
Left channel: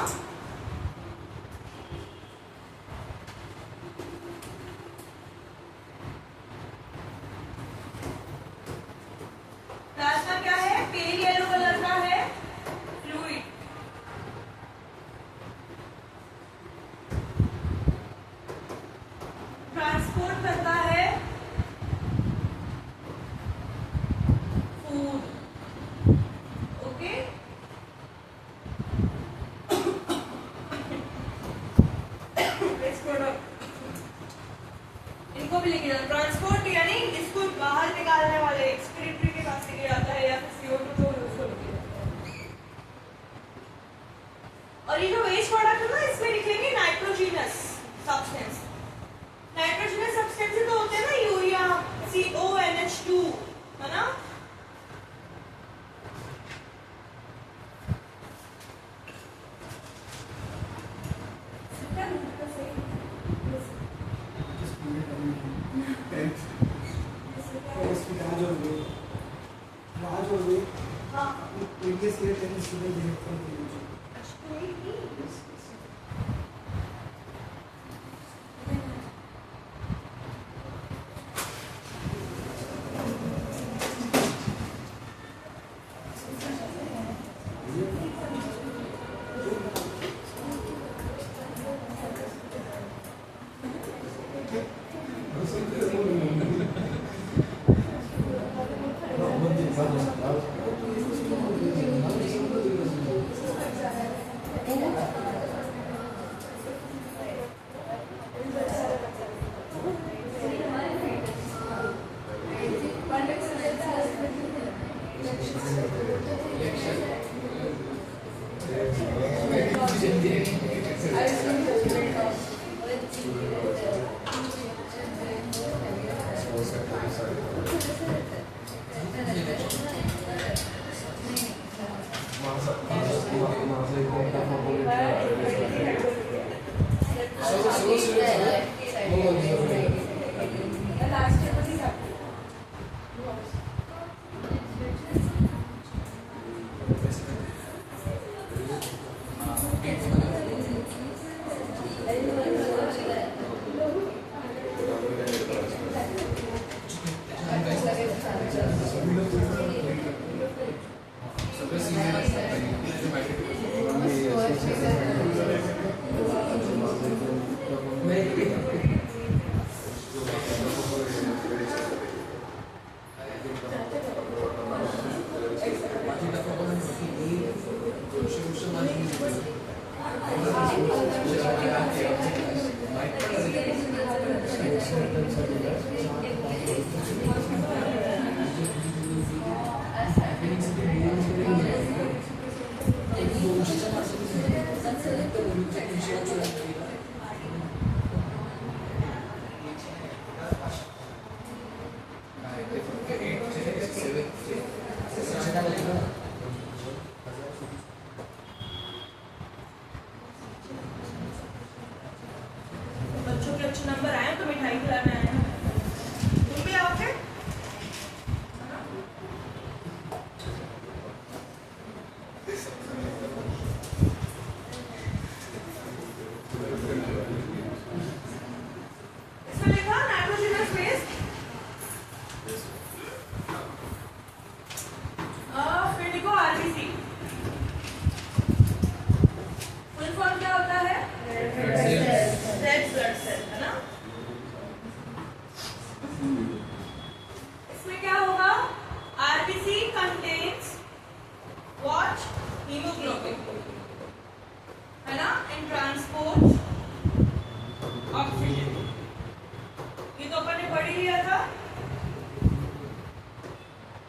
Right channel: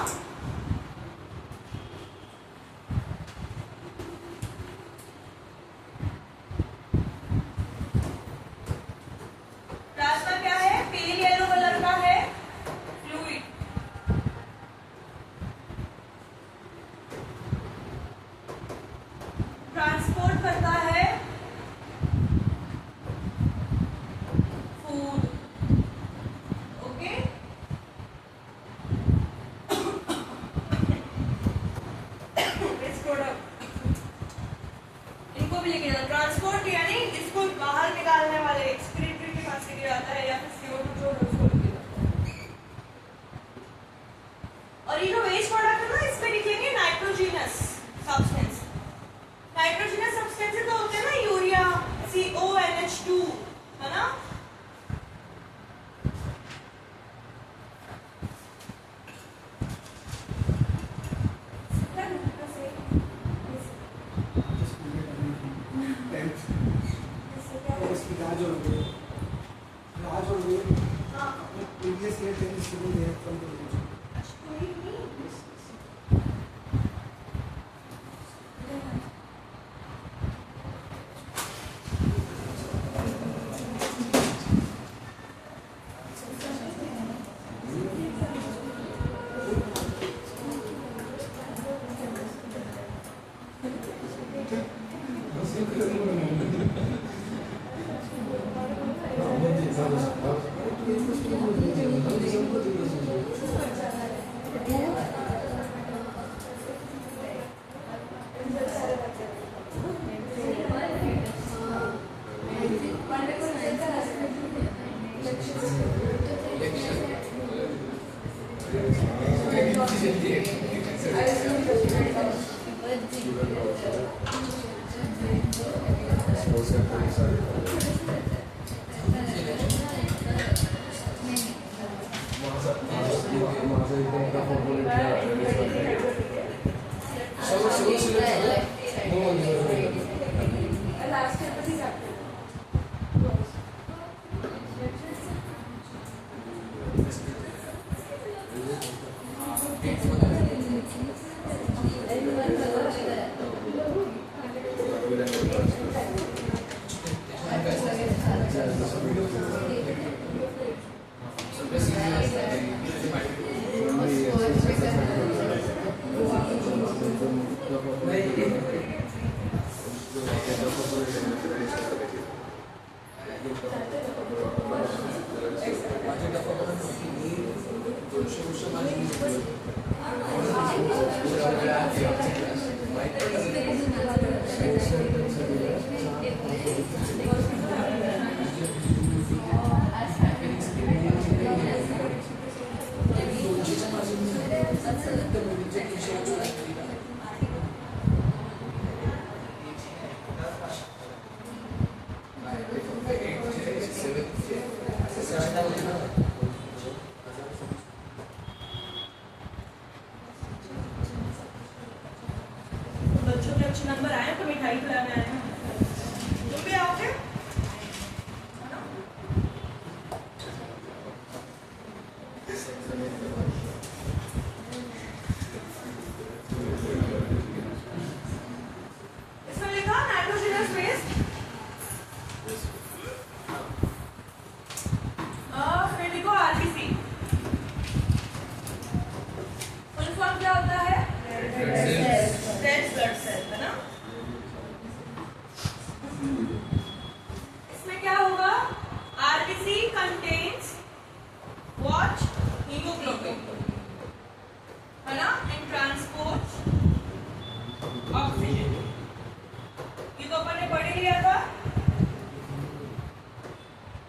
प्लाज्मा क्या है? पेल येलो कलर का है, फ्लूइड। ट्रांसपोर्ट करता है फूड। ओके, वेस्ट प्रोडक्ट इनको भी लिखिए। ट्रांसपोर्ट यानी इसको बाहर निकालने वाले एक्सक्रीटरी के पास लेके जाता है, या फिर CO2 जो है उसको लेके जाता है। और ये जो वेस्ट प्रोडक्ट है ना, इसमें लिखेंगे नाइट्रोजिनस सब्सटेंस। नाइट्रोजिनस सब्सटेंस तो होते हैं ना यूरिया, CONH2, है ना? Just put it on 10th. यहाँ जोड़ दो, यहाँ जोड़ दो, हाँ प्रीवियस ईयर 10 स्टूडेंट है फ्रॉम प्रीवियस। अच्छा कोई नहीं बच्चों के अच्छे नंबर आए तो मिठाई खिलाना है। तुम भी आओगे? है ना? इसमें लिखा नाइट्रोजनस बेस। फिर लिखो आरबीसी। फुल फॉर्म क्या होता है? रेड ब्लड सेल, है ना? इसमें क्या होगा? RBC contains what? हीमोग्लोबिन, है ना? इन ट्रांसपोर्ट ऑक्सीजन। ये तो अपन ने पढ़ ही लिया था।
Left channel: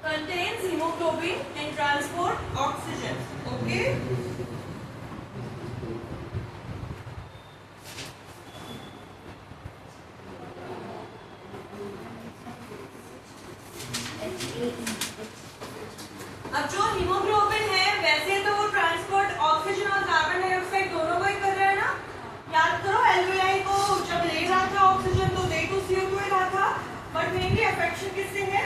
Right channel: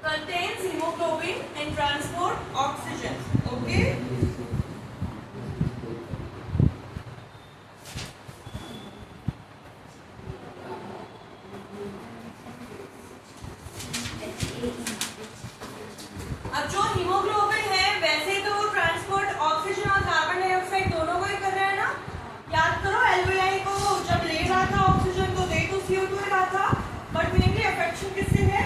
कंटेन्स हीमोग्लोबिन इन ट्रांसपोर्ट ऑक्सीजन। ओके, अब जो हीमोग्लोबिन है वैसे तो वो ट्रांसपोर्ट ऑक्सीजन और कार्बन डाइऑक्साइड दोनों को ही कर रहा है ना। याद करो एल्वेआई को जब ले रहा था ऑक्सीजन तो दे तो CO2 ही रहा था, बट मेनली अफेक्शन किससे है?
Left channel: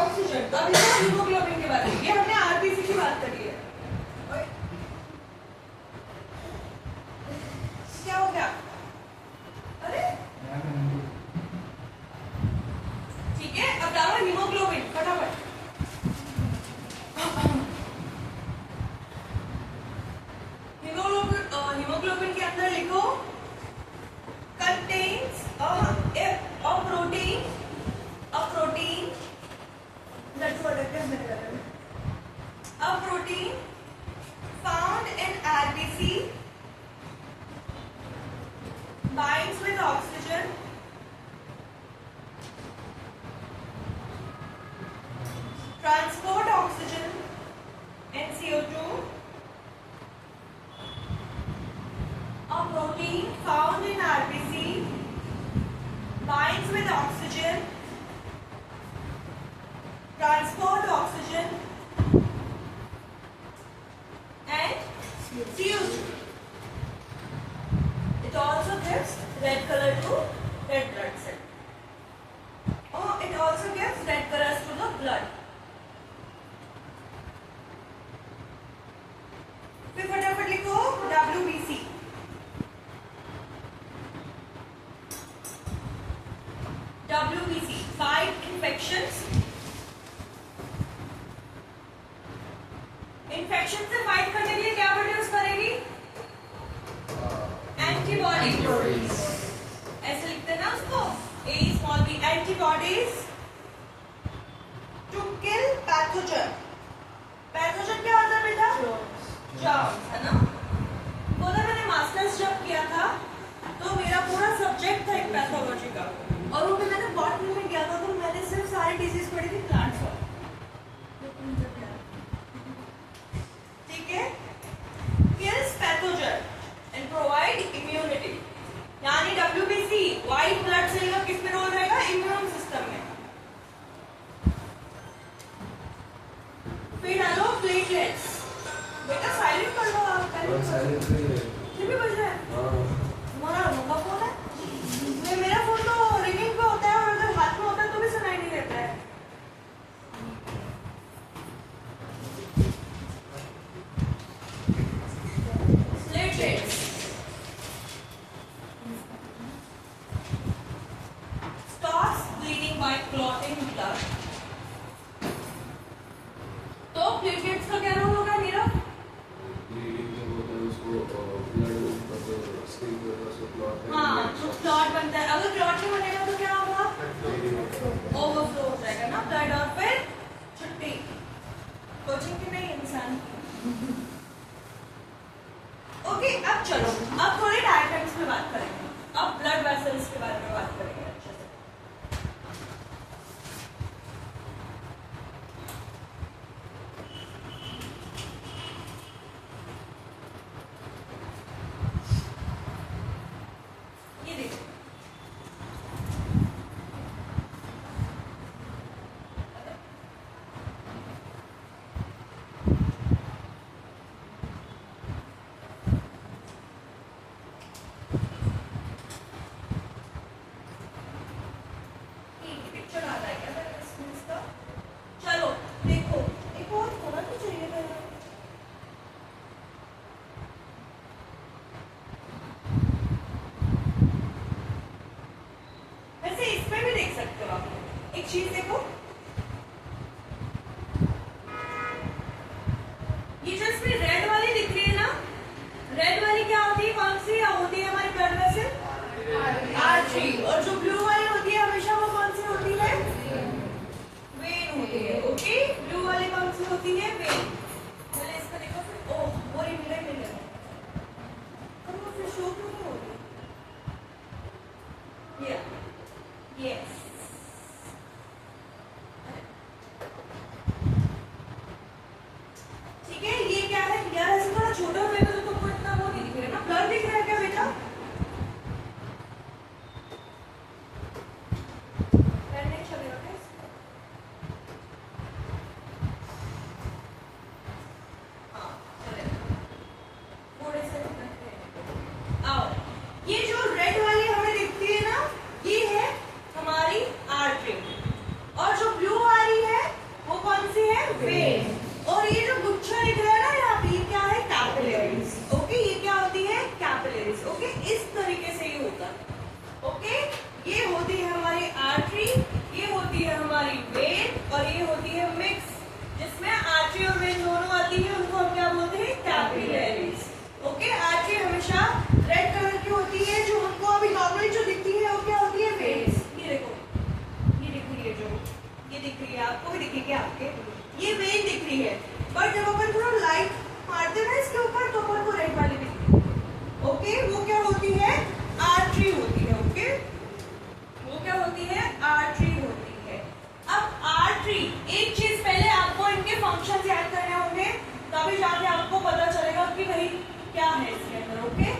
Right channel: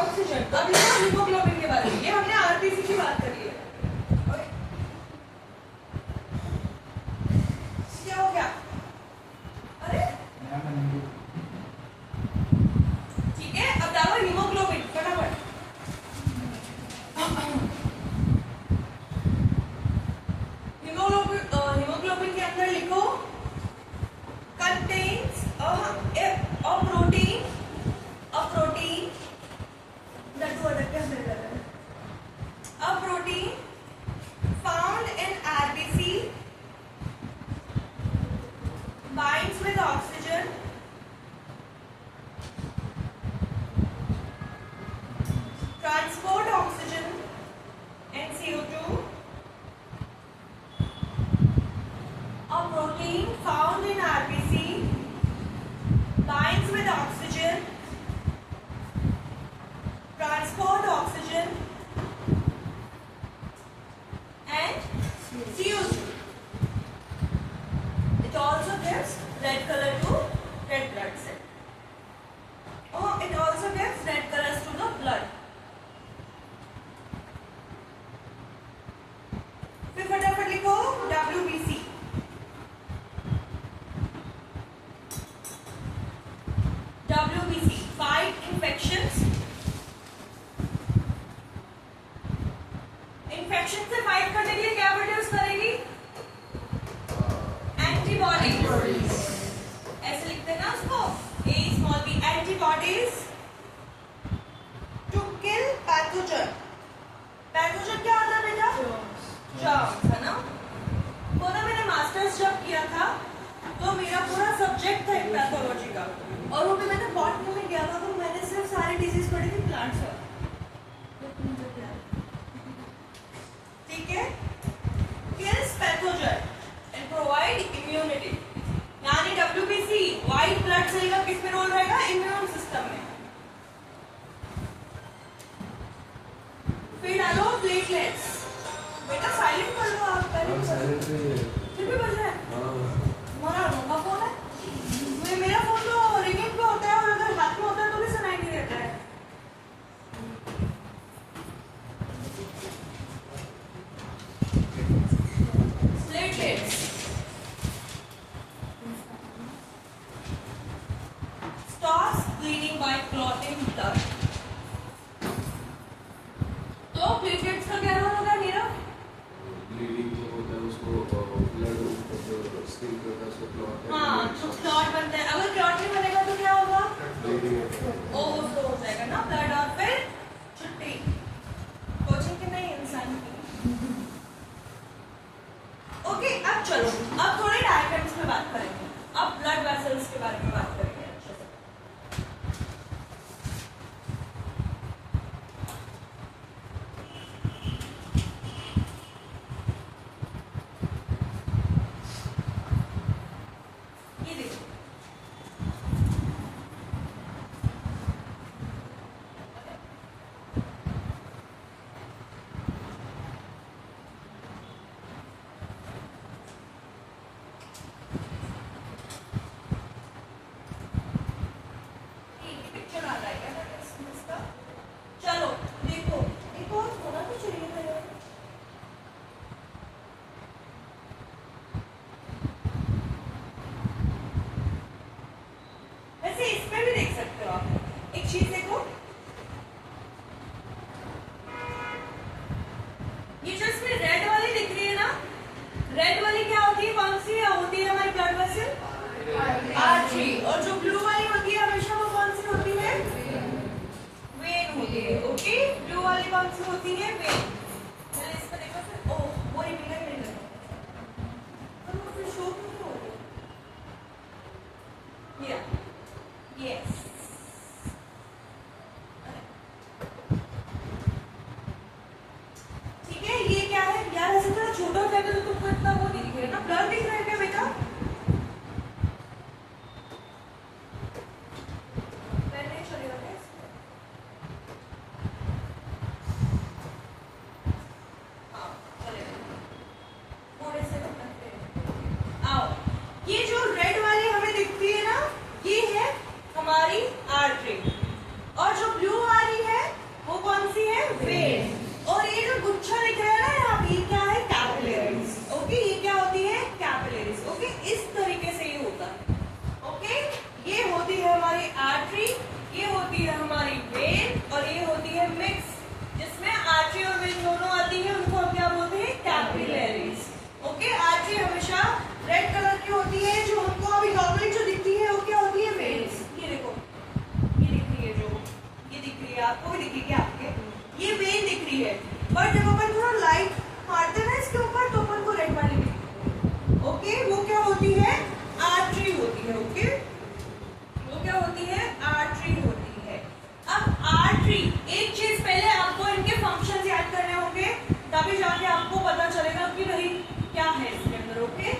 ऑक्सीजन। अब ये हीमोग्लोबिन की बात है, ये हमने आरबीसी की बात करी है। ओए, क्या हो गया? अरे ठीक है, अब डालो हीमोग्लोबिन फटाफट। हीमोग्लोबिन के अंदर लिखो कंटेन्स अ प्रोटीन नटू अटक के हमने कर a protein found in RBC binds with oxygen transport oxygen and CO2. A protein found in RBC binds with oxygen, transport oxygen and CO2. It also gives red color to red blood cell. Oh, it also gives infections, infection से fight करने के लिए क्या produce करेगी? Antibodies. ऐसे लिखते हैं ना उसको, a small B, antibodies to kill pathogen. Pathogen क्या होता है बेटा? जर्म्स, है ना? वो ना मैंने मास्टर्स जब किया था तो मेरा पूरा सब्जेक्ट था एक पैथोलॉजी का, और वो भी मैंने बॉटनी में किया था, तो मैंने सिर्फ सारी डिजीज पढ़ी थी प्लांट्स पर। ठीक है, kills pathogen and provide immunity, यानी WBC व्हाइट ब्लड सेल का किस में रोल रहेगा? इम्यून सिस्टम में। फिर डालो प्लेटलेट्स। बेटा साइलेंट कर लो आप, पहले फिर भी बज रहा है तुम्हारा मुंह का फोन है। मेरा फोन तो रिंगिंग पे होता है, और अगर हाथ में होता है तो भी सुनाई नहीं देता है। Platelets stops bleeding by clotting blood। तो प्लेटलेट्स का क्या रोल होगा नीरव? हाँ, तो क्लॉट बनता है। अगर क्लॉट नहीं बनेगा तो क्या होगा? ओवरफ्लो हो जाएगा ना ब्लड, और फिर छुट्टी कोचिंग की नहीं, इंसान की। ओके, अब चलो, अब थोड़ी डायग्राम्स पे बात करेंगे। अब ब्लड वेसल्स के बारे में बात करेंगे अच्छे से। ये देखो, पिक्चर आ रहा है क्या इसका? चलो देखो, एक और थोड़ा तो चाहिए था। वैसे इसमें भी देख सकते हो आप। एक चीज देखो, ये जो इसमें रेड वाली दिख रही है ना, रेड वाली क्या होती है? कौन सी होती है हमारी ब्लड वेसल? आर्टरी। और जो ब्लू वाली होती है हमेशा, वो कौन सी होती है? वेन होती है। ओके, ब्लू वाली कौन सी होती है? वेन। चलो इसको देखो फिर। ओह, वो मिरर नहीं लगा, तो फिर शो क्यों नहीं हो रही? यस, ठीक है। ये क्या है यार? ऐसे थोड़ा छोटा हो जाएगा तो तुमको इतना वो नहीं दिखेगा ना। ब्लर दिख रहा है क्या बेटा? नहीं चलेगा क्या इसमें? हाँ, चलेगा। थोड़े से आओ। ये जो रेड वाली हमें दिखती है ना, ये है हमारी आर्टरी, और जो ब्लू वाली है वो कौन सी है? वेन। और ये जो गुच्छा दिख रहा है ना यहाँ पे, ये क्या है? कैपिलरीज। ओके, ये क्या होती है? कैपिलरीज। ओके, इस तरीके से ये होता है। ओके, ये होती है हमारी आर्टरी, ये होती है हमारी वेन, और ये होती है मिक्स, जिसमें आर्टरी और वेन दोनों आती है। उनको हम क्या बोलते हैं? कैपिलरीज। ओके, आर्टरी हमेशा रेड कलर की होती है, जो हमको अभी नॉर्मली जो दिखती है वो क्या होती है? वेन्स। ये देखो, ये दिख रही है, जो ये दिख रही है आपको, दिख रही है आपके, ये वेन दिख रही है। बट जब अपन थोड़ा लाइट मारते ना इसके ऊपर, तो अपन को रेड वाली दिखती है। ओके, वो क्या होती है? आर्टरी होती है। ओके, वो क्या होती है? आर्टरी होती है। अब आर्टरी, एक चीज पहले आपको इनके फंक्शंस याद करने होंगे, तभी जाके आपको पता चलेगा कि भाई क्या है इसके अंदर। ओके,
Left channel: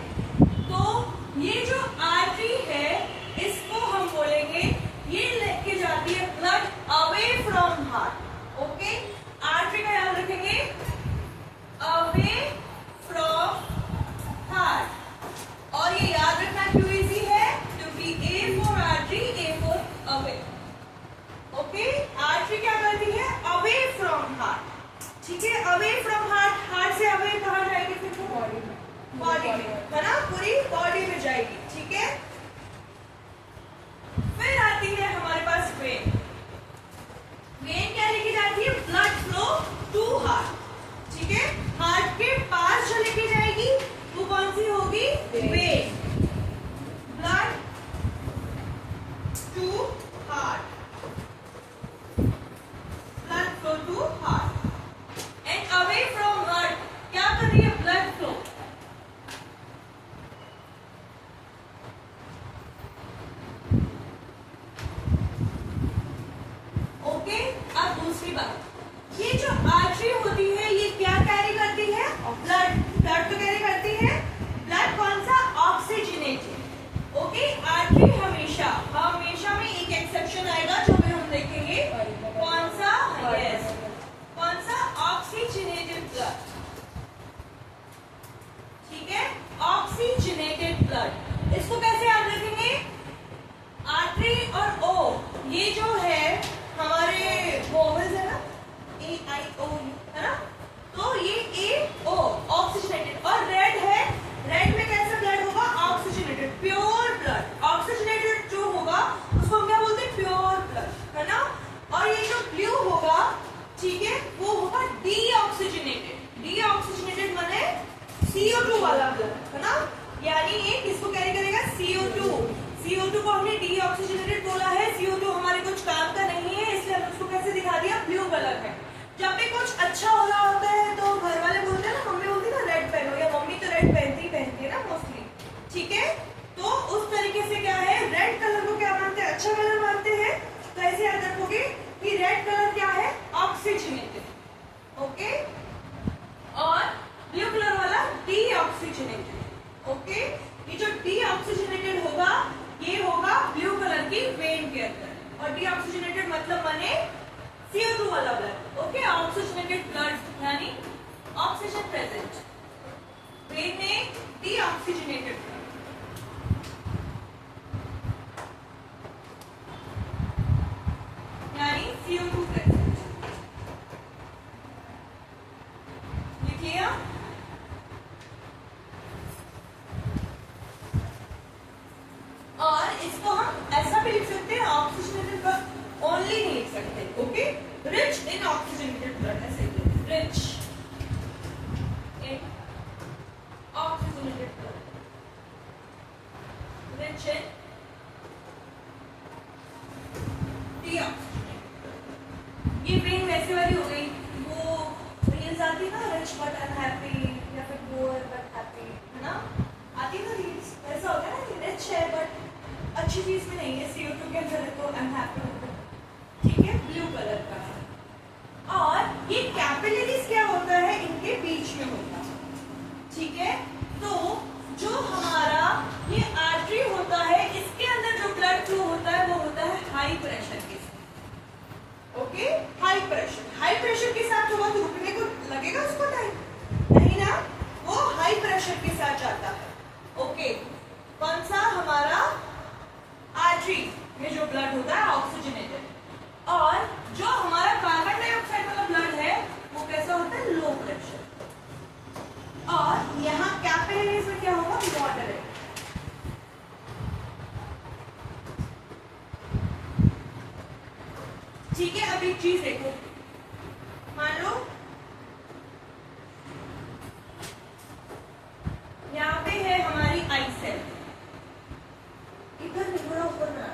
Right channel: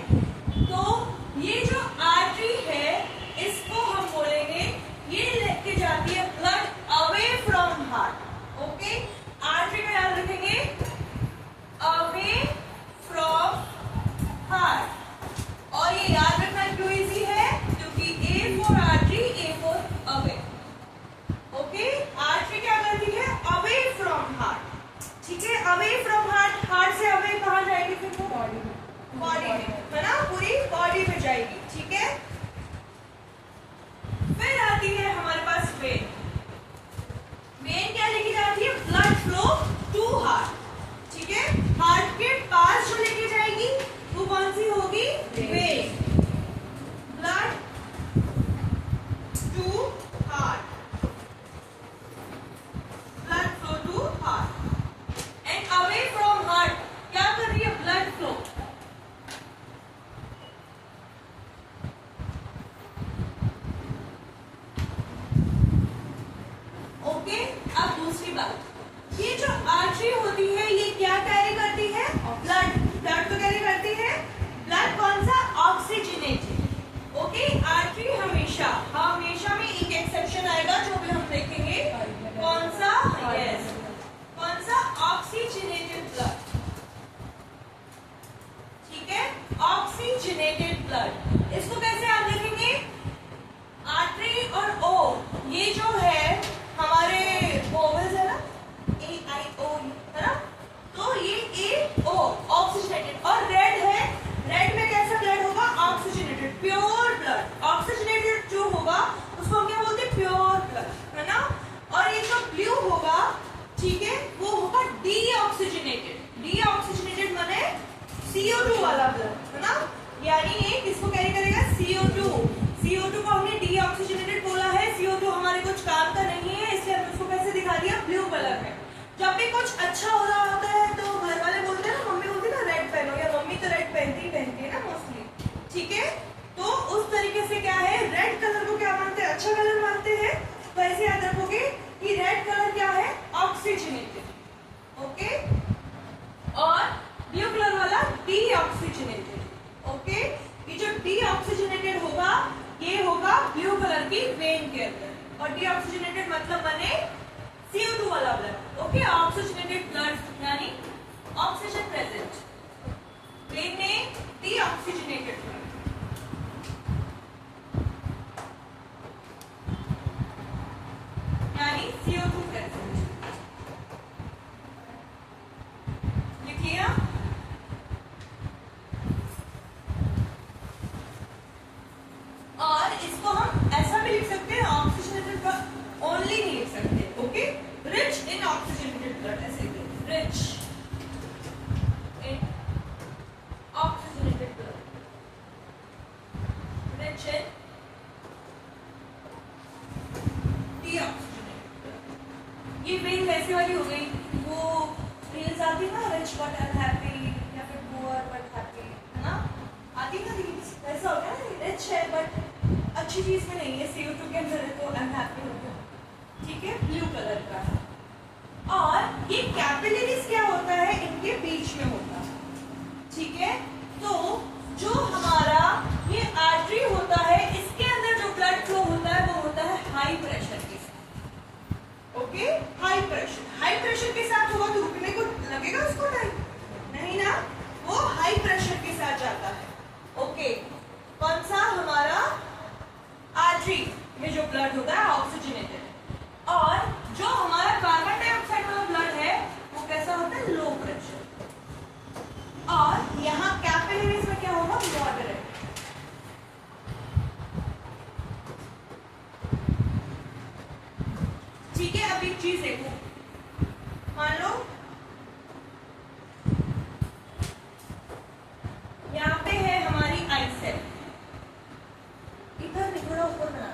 दूसरी बात, ये जो आर्टरी होती है ये क्या कैरी करती है? ब्लड। ब्लड तो कैरी करती है, ब्लड कौन सा? ऑक्सीजनेटेड। ओके, आर्टरी हमेशा हमेशा में एक एक्सेप्शन आएगा जो भी हम देखेंगे, कौन सा? यस, कौन सा? Oxygenated blood. ठीक है, ऑक्सीजनेटेड ब्लड। इसको कैसे याद रखेंगे? आर्टरी और ओ, ये जो है हमारे वोवेल्स है ना, ए आई ओ यू है ना, तो ये ए ओ ऑक्सीजनेटेड। और रेड है, रेड में कैसा ब्लड होगा? Oxygenated, pure blood. ऑक्सीजनेटेड जो होगा उसको हम क्या बोलते हैं? प्योर ब्लड, है ना। और ये जो ब्लू होगा, ठीक है, वो होगा डीऑक्सीजनेटेड। डीऑक्सीजनेटेड माने CO2 वाला ब्लड, है ना। यानी ये किसको कैरी करेगा? CO2। CO2 को हमने डीऑक्सीजनेटेड बोला है। CO2 हमारे कुछ काम का नहीं है, इसलिए हमने उसको कैसे दिखा दिया? ब्लू कलर में। जब भी कुछ अच्छा हो रहा होता है तो घर वाले बोलते हैं ना, मम्मी बोलती है ना रेड पहनो, या मम्मी तो रेड पहनती है ना मोस्टली, ठीक है। तो उस तरीके से क्या है, रेड कलर को क्या मानते हैं? अच्छा कलर मानते हैं। तो ऐसे याद रखोगे कि रेड कलर क्या है? ऑक्सीजनेटेड। ओके, और ब्लू कलर वाला डीऑक्सीजनेटेड। ओके, ये जो डीऑक्सीजनेटेड होगा ये होगा ब्लू कलर की वेन के अंदर। और डीऑक्सीजनेटेड मतलब बने CO2 वाला ब्लड। ओके, ऑक्सीजनेटेड ब्लड यानी ऑक्सीजन प्रेजेंट, वेन में डीऑक्सीजनेटेड ब्लड। यानी CO2 प्रेजेंट। लिखिए, और इसको हम ऐसा भी लिख सकते हैं, ऑक्सीजनेटेड ब्लड ओनली नहीं लिख सकते। Okay, rich in oxygenated blood, ऐसे rich in oxygenated blood, rich in deoxygenated blood. ये वेन वैसे वाली हो गई, वो रील्स आती है ना, रिच बट अनहैप्पी, या फिर पुअर बट हैप्पी, है ना, आती है ना रील्स। ऐसा हो गया ना, रिच है बट अच्छी चीज में नहीं है, CO2 के अंदर है तो अनहैप्पी होगा। ठीक है, ब्लू कलर का है। और ये कैपिलरीज क्या होता है? इनके बीच में होता है। ठीक है, तो जो हमारा ये आर्टरी होता है, इसके अंदर जो ब्लड फ्लो होता है वो होता है हाई प्रेशर के साथ। Okay, high pressure. High pressure के साथ होगा तो रुकने को लगेगा उसको टाइम? नहीं ना, वो हाई प्रेशर के साथ जाता है। ओके, कौन सा? हमारा आर्टरी में जो ब्लड होता है ऑक्सीजनेटेड। और जो हमारा कार्बन डाइऑक्साइड वाला ब्लड है वो कैसा होता है? Low pressure. और यहाँ कैपिलरीज में क्या होगा? मॉडरेट। ठीक है, अब एक चीज देखो, मान लो यहाँ पे है हमारी आई सेल, इधर थोड़ा ऊपर बना,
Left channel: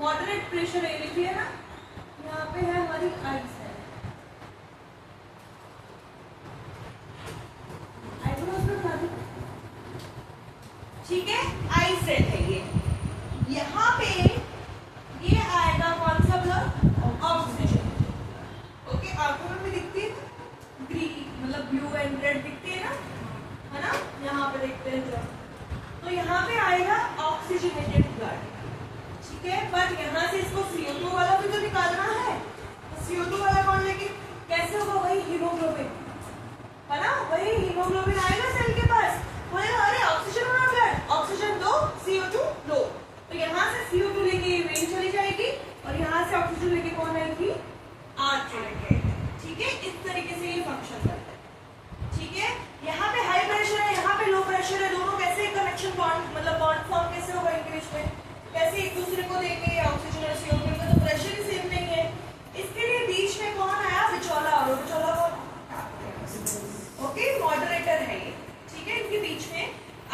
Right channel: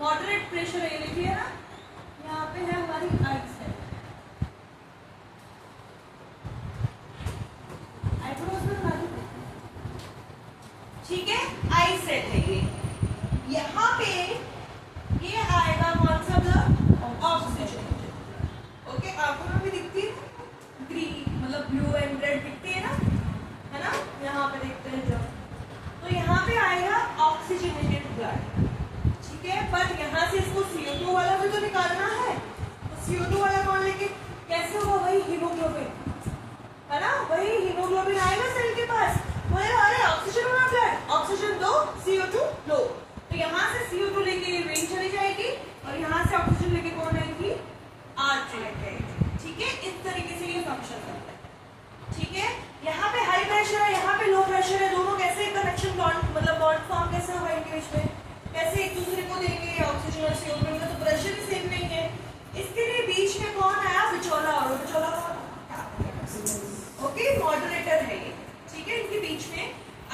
मॉडरेट प्रेशर ये लिखिए ना, यहाँ पे है हमारी आई सेल। ठीक है, आई सेल है ये। यहाँ पे ये आएगा कौन सा ब्लड? ऑक्सीजन। ओके, आंखों में भी दिखती है ग्रीन, मतलब ब्लू एंड रेड दिखती है ना, यहाँ पे देखते हैं जब, तो यहाँ पे आएगा ऑक्सीजनेटेड ब्लड। ठीक है, बट यहाँ से इसको CO2 वाला भी तो निकालना है, तो CO2 वाला कौन लेके कैसे होगा? वही हीमोग्लोबिन, है ना, वही हीमोग्लोबिन आएगा सेल के पास, बोलेगा अरे ऑक्सीजन वाला ब्लड, ऑक्सीजन दो, CO2 लो। तो यहाँ से CO2 लेके वेन चली जाएगी और यहाँ से ऑक्सीजन लेके कौन रहेगी? आर्टरी लेके। ठीक है, इस तरीके से ये फंक्शन करता है। ठीक है, यहाँ पे हाई प्रेशर है, यहाँ पे लो प्रेशर है, दोनों कैसे कनेक्शन बॉन्ड, मतलब बॉन्ड फॉर्म कैसे होगा इनके बीच में, कैसे एक दूसरे को देंगे? ऑक्सीजन और CO2 का तो प्रेशर ही सेम नहीं है, इसके लिए बीच में कौन आया? विचोला। और विचोला कौन? ओके, मॉडरेटर है ये। ठीक है, इनके बीच में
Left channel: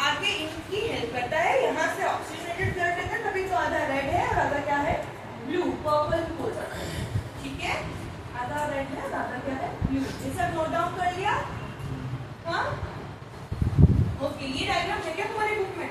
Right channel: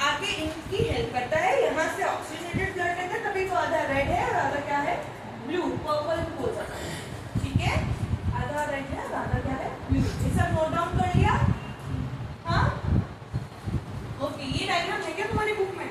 आगे इनकी हेल्प करता है। यहाँ से ऑक्सीजनेटेड ब्लड लेकर, तभी तो आधा रेड है और आधा क्या है? ब्लू, पर्पल हो जाता है। ठीक है, आधा रेड है और आधा क्या है? ब्लू। ये सब नोट डाउन कर लिया? हाँ, ओके, ये डायग्राम है क्या तुम्हारी बुक में?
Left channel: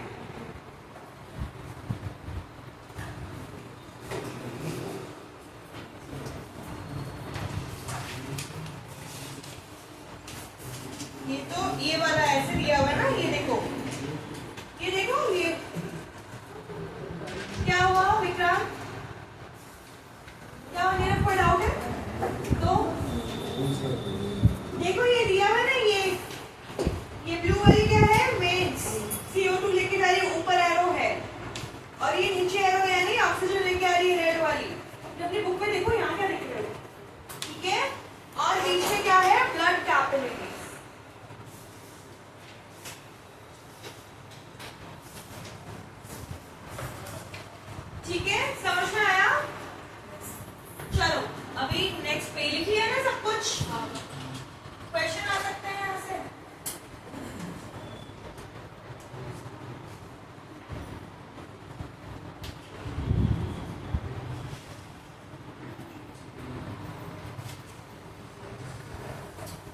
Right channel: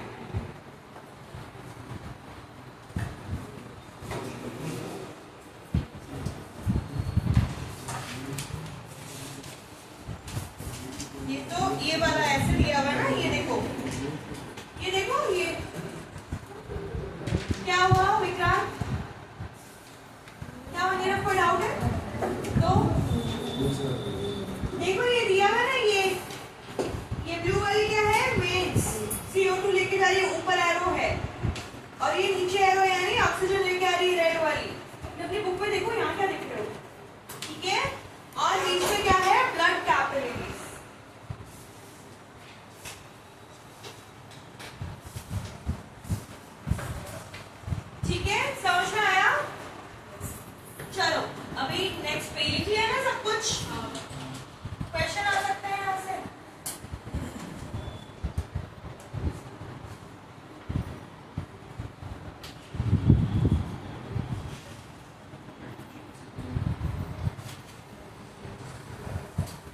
क्या हुआ विक्रांत? क्या मेरा कोई डाउट है? तो देखो ये दिया है ना, ये ब्लू वाली क्या है? वेट्स। CO2 लेके जा रही है, ऊपर एरो है, और ये नीचे एरो है, यानी ऑक्सीजन लेके आ रही है रेड वाली। अपनी बुक में देखो यहाँ क्या लिख रहे हो, ठीक है? और बीच में क्या है? Blood capillaries. ठीक है, समझ में आया? चलो अभी नेक्स्ट पे लिख लिया ना सब कुछ? क्वेश्चन आ सकते हैं यहाँ से।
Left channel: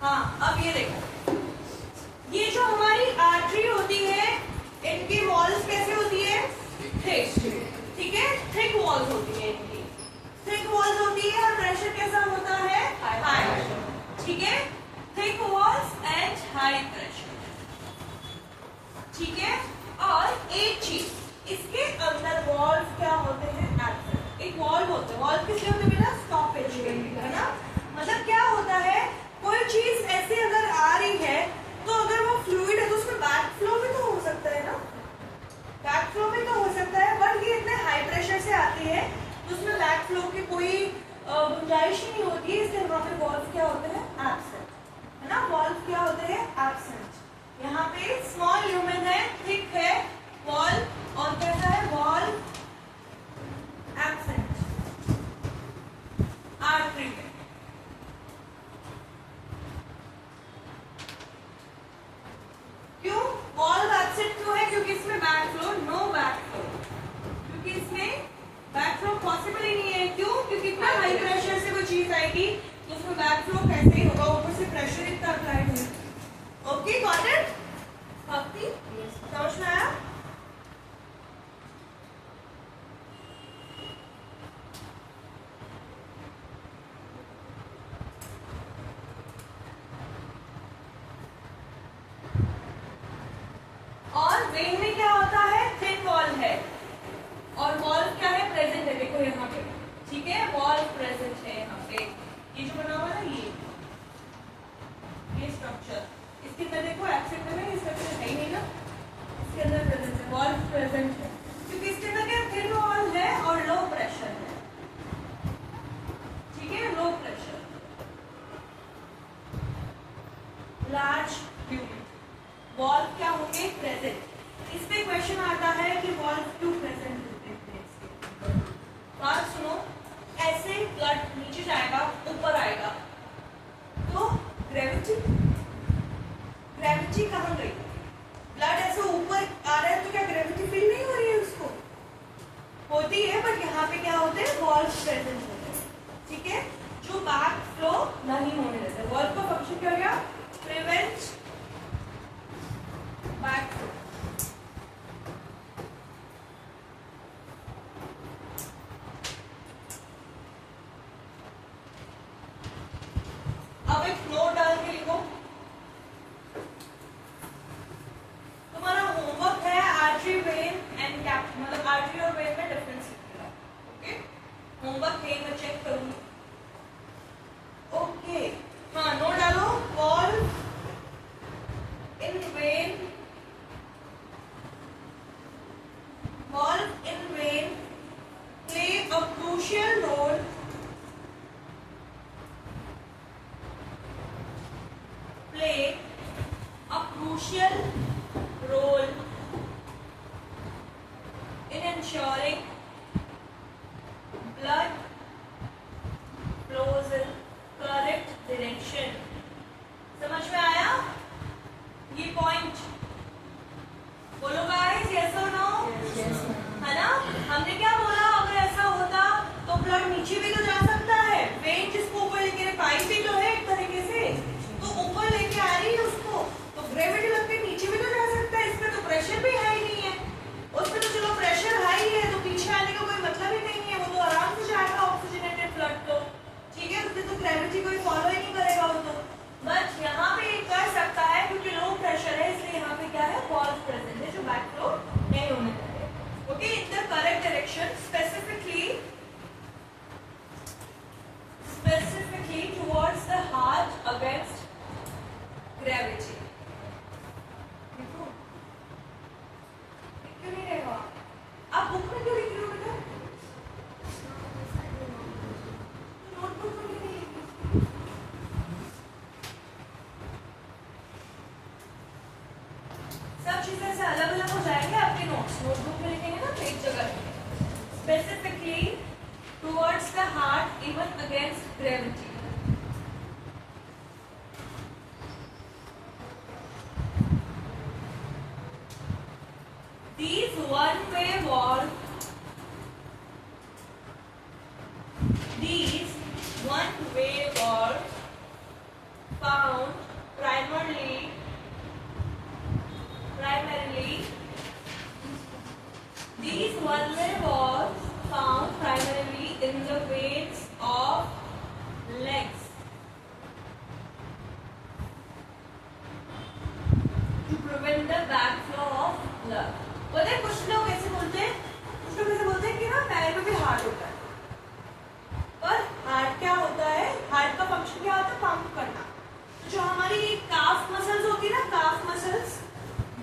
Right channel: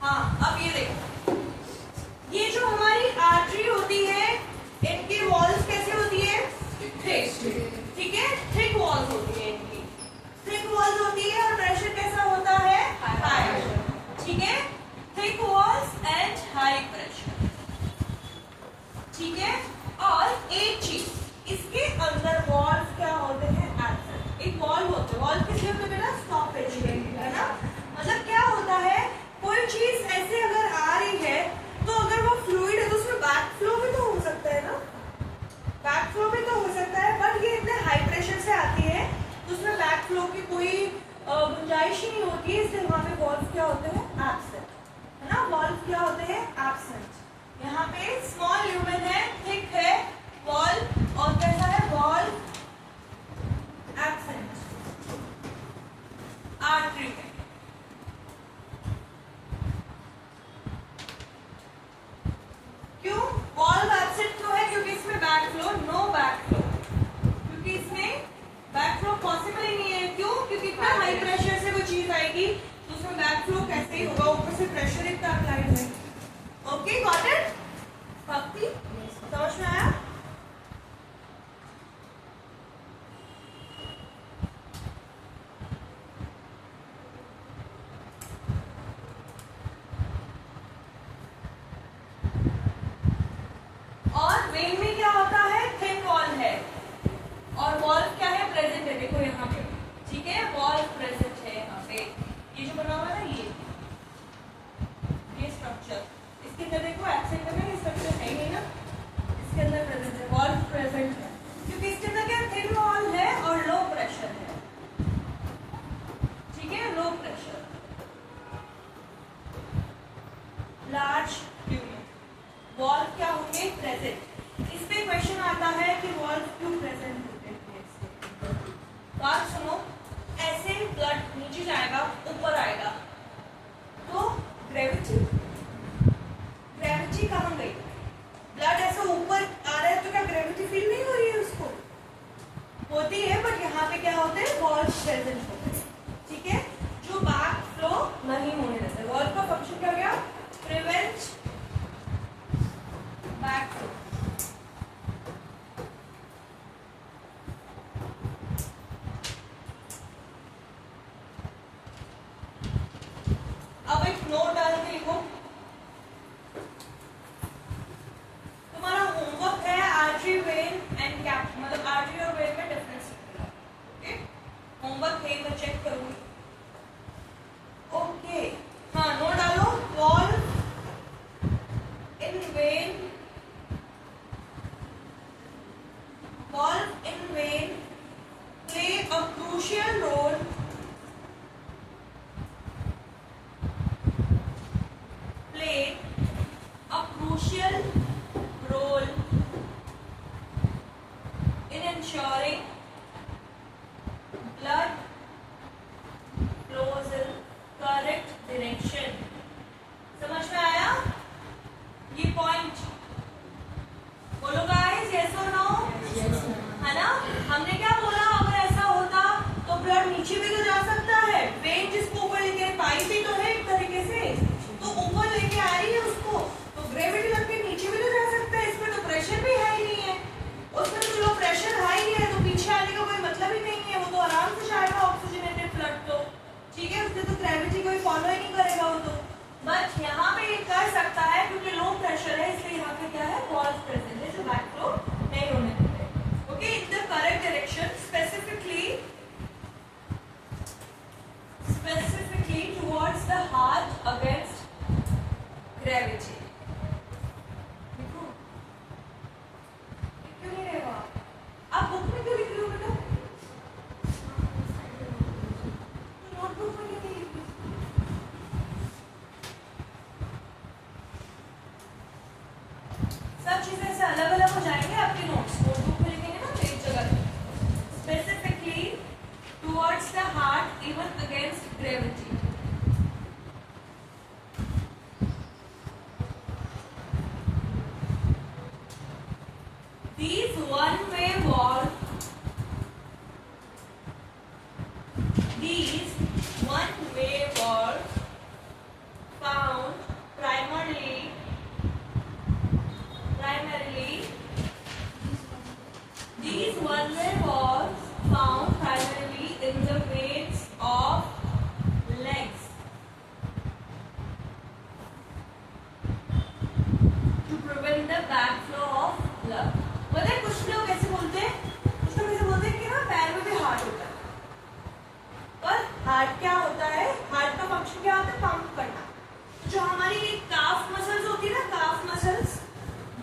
हाँ, अब ये देखो, ये जो हमारी आर्टरी होती है, इनकी वॉल्स कैसे होती है? थिक, ठीक है? थिक वॉल्स होती है इनकी, थिक वॉल्स होती है, और प्रेशर कैसा होता है? हाई, ठीक है? Thick walls and high pressure, ठीक है? और एक चीज, इसके अंदर वॉल्स क्या होते हैं? एब्सेंट। एक वॉल्व होते हैं, वॉल्व किस लिए होते हैं? स्टॉपेज, है ना? मतलब क्या होता है, कोई चीज ऐसे अगर आ रही है, तो अगर वो फ्लूइड है तो उसमें बैक फ्लो भी तो हो सकता है ना, बैक फ्लो भी तो हो सकता है, बट ये इतने हाई प्रेशर से आती है तो उसमें बैक फ्लो की कोई गुंजाइश ही नहीं होती है, इसलिए वहां पे वॉल्व क्या होते हैं? एब्सेंट, है ना? वॉल्व क्या होते हैं? एब्सेंट। यहाँ पे स्मॉल ह्यूमन है, थिक है वॉल्व, और कैसा है? Valve absent. आर्टरी है, क्यों वॉल्व एब्सेंट क्यों है? क्योंकि इसमें back flow, no back flow, क्योंकि इसमें बैक फ्लो पॉसिबल ही नहीं है। क्यों? क्योंकि इतना हाई प्रेशर से कोई चीज आएगी तो उसमें बैक फ्लो कैसे ही होगा, ऊपर से प्रेशर इतना अप्लाइड है। Okay, got it? भक्ति समझ में आया? और वेन में क्या होता है? थिन वॉल है, और वॉल क्या है? प्रेजेंट है, देखो यहाँ पे, ठीक है? वॉल प्रेजेंट है यहाँ पे, ये जो बना हुआ है ना, ये स्ट्रक्चर, इसके अंदर देखो एब्सेंट है, ये स्ट्रक्चर है ही नहीं ना, इसके अंदर प्रेजेंट है, वॉल प्रेजेंट है, क्योंकि इसके अंदर क्या? थिन वॉल है और लो प्रेशर है, ठीक है? Low pressure, large human, valve क्या होंगे? प्रेजेंट। इस पे क्वेश्चन आता है कि वॉल्व क्यों प्रेजेंट होते हैं? बात सुनो, ऐसे ब्लड नीचे जाएगा, ऊपर आएगा, तो ग्रेविटी, ग्रेविटी कहाँ गई? ब्लड ऐसे ऊपर आ रहा है तो क्या ग्रेविटी फील नहीं हो रही है? उसको होती है, बट यहाँ पे क्या होते हैं? वॉल्व प्रेजेंट होते हैं, ठीक है? जो बैक फ्लो नहीं होने देते। वॉल्व का फंक्शन क्या गया? Prevent back flow. अब एक नोट डाल के लिखो, तुम्हारा होमवर्क है आर्टरी, वेन एंड कैप, मतलब आर्टरी और वेन में डिफरेंस लिखना, ओके? होमवर्क है, मैं चेक करूंगी, ओके? हाँ, नोट डालो, valve in when, valve in vein play a crucial role in ensuring blood flows in correct direction. समझ में आया ये पॉइंट? बोलो गाइस, यस और नो? है ना? हमने क्या बोला, अगर ऐसा होता तो ब्लड नीचे भी तो जा सकता है, वेन जिसको ऊपर लेके पाइप भी तो है एक तरीके से, तो ऊपर लेके आ रही है उसको, तो ग्रेविटी लगते नीचे भी तो जा सकता है, इसमें तो प्रेशर भी हाई नहीं है, उसमें तो चलो प्रेशर हाई है तो पीछे gravity. These one-way valves found primarily these one-way valves found primarily in the veins of legs to prevent the backflow of blood. पता है कुछ लोग ऐसे बोलते हैं कि ना पैर में भी हार्ट होता है, पर हार्ट क्या होता है, हार्ट का फंक्शन क्या होता है, पंप करना। जो हमारी काफ मसल्स होती है ना, काफ मसल्स,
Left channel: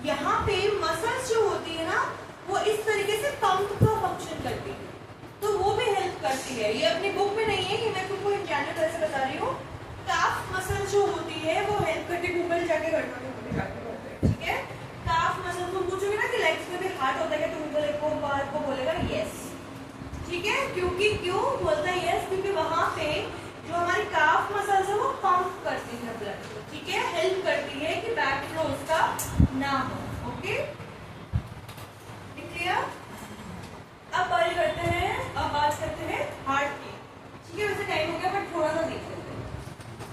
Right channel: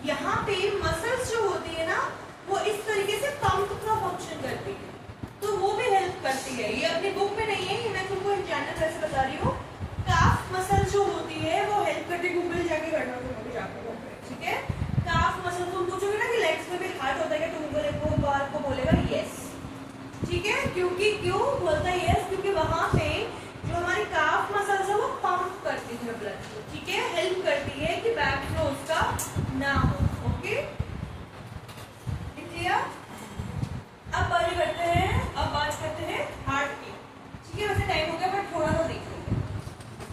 यहाँ पे मसल्स जो होती है ना वो इस तरीके से पंप का फंक्शन करती है, तो वो भी हेल्प करती है। ये अपनी बुक में नहीं है, ये मैं तुमको इन जनरल ऐसे बता रही हूँ। काफ मसल जो होती है वो हेल्प करती है, गूगल जाके करना, ठीक है। काफ मसल तुम पूछोगे ना कि लेग्स में भी हार्ट होता है, तो गूगल एक बार को बोलेगा यस, ठीक है। क्योंकि क्यों बोलता है यस, क्योंकि वहां पे जो हमारी काफ मसल्स है वो पंप करती है ब्लड को, ठीक है, हेल्प करती है कि बैक फ्लो उसका ना हो। Okay, clear. अब बात करते हैं हार्ट की, ठीक है। वैसे टाइम हो गया, पर थोड़ा सा देख लो,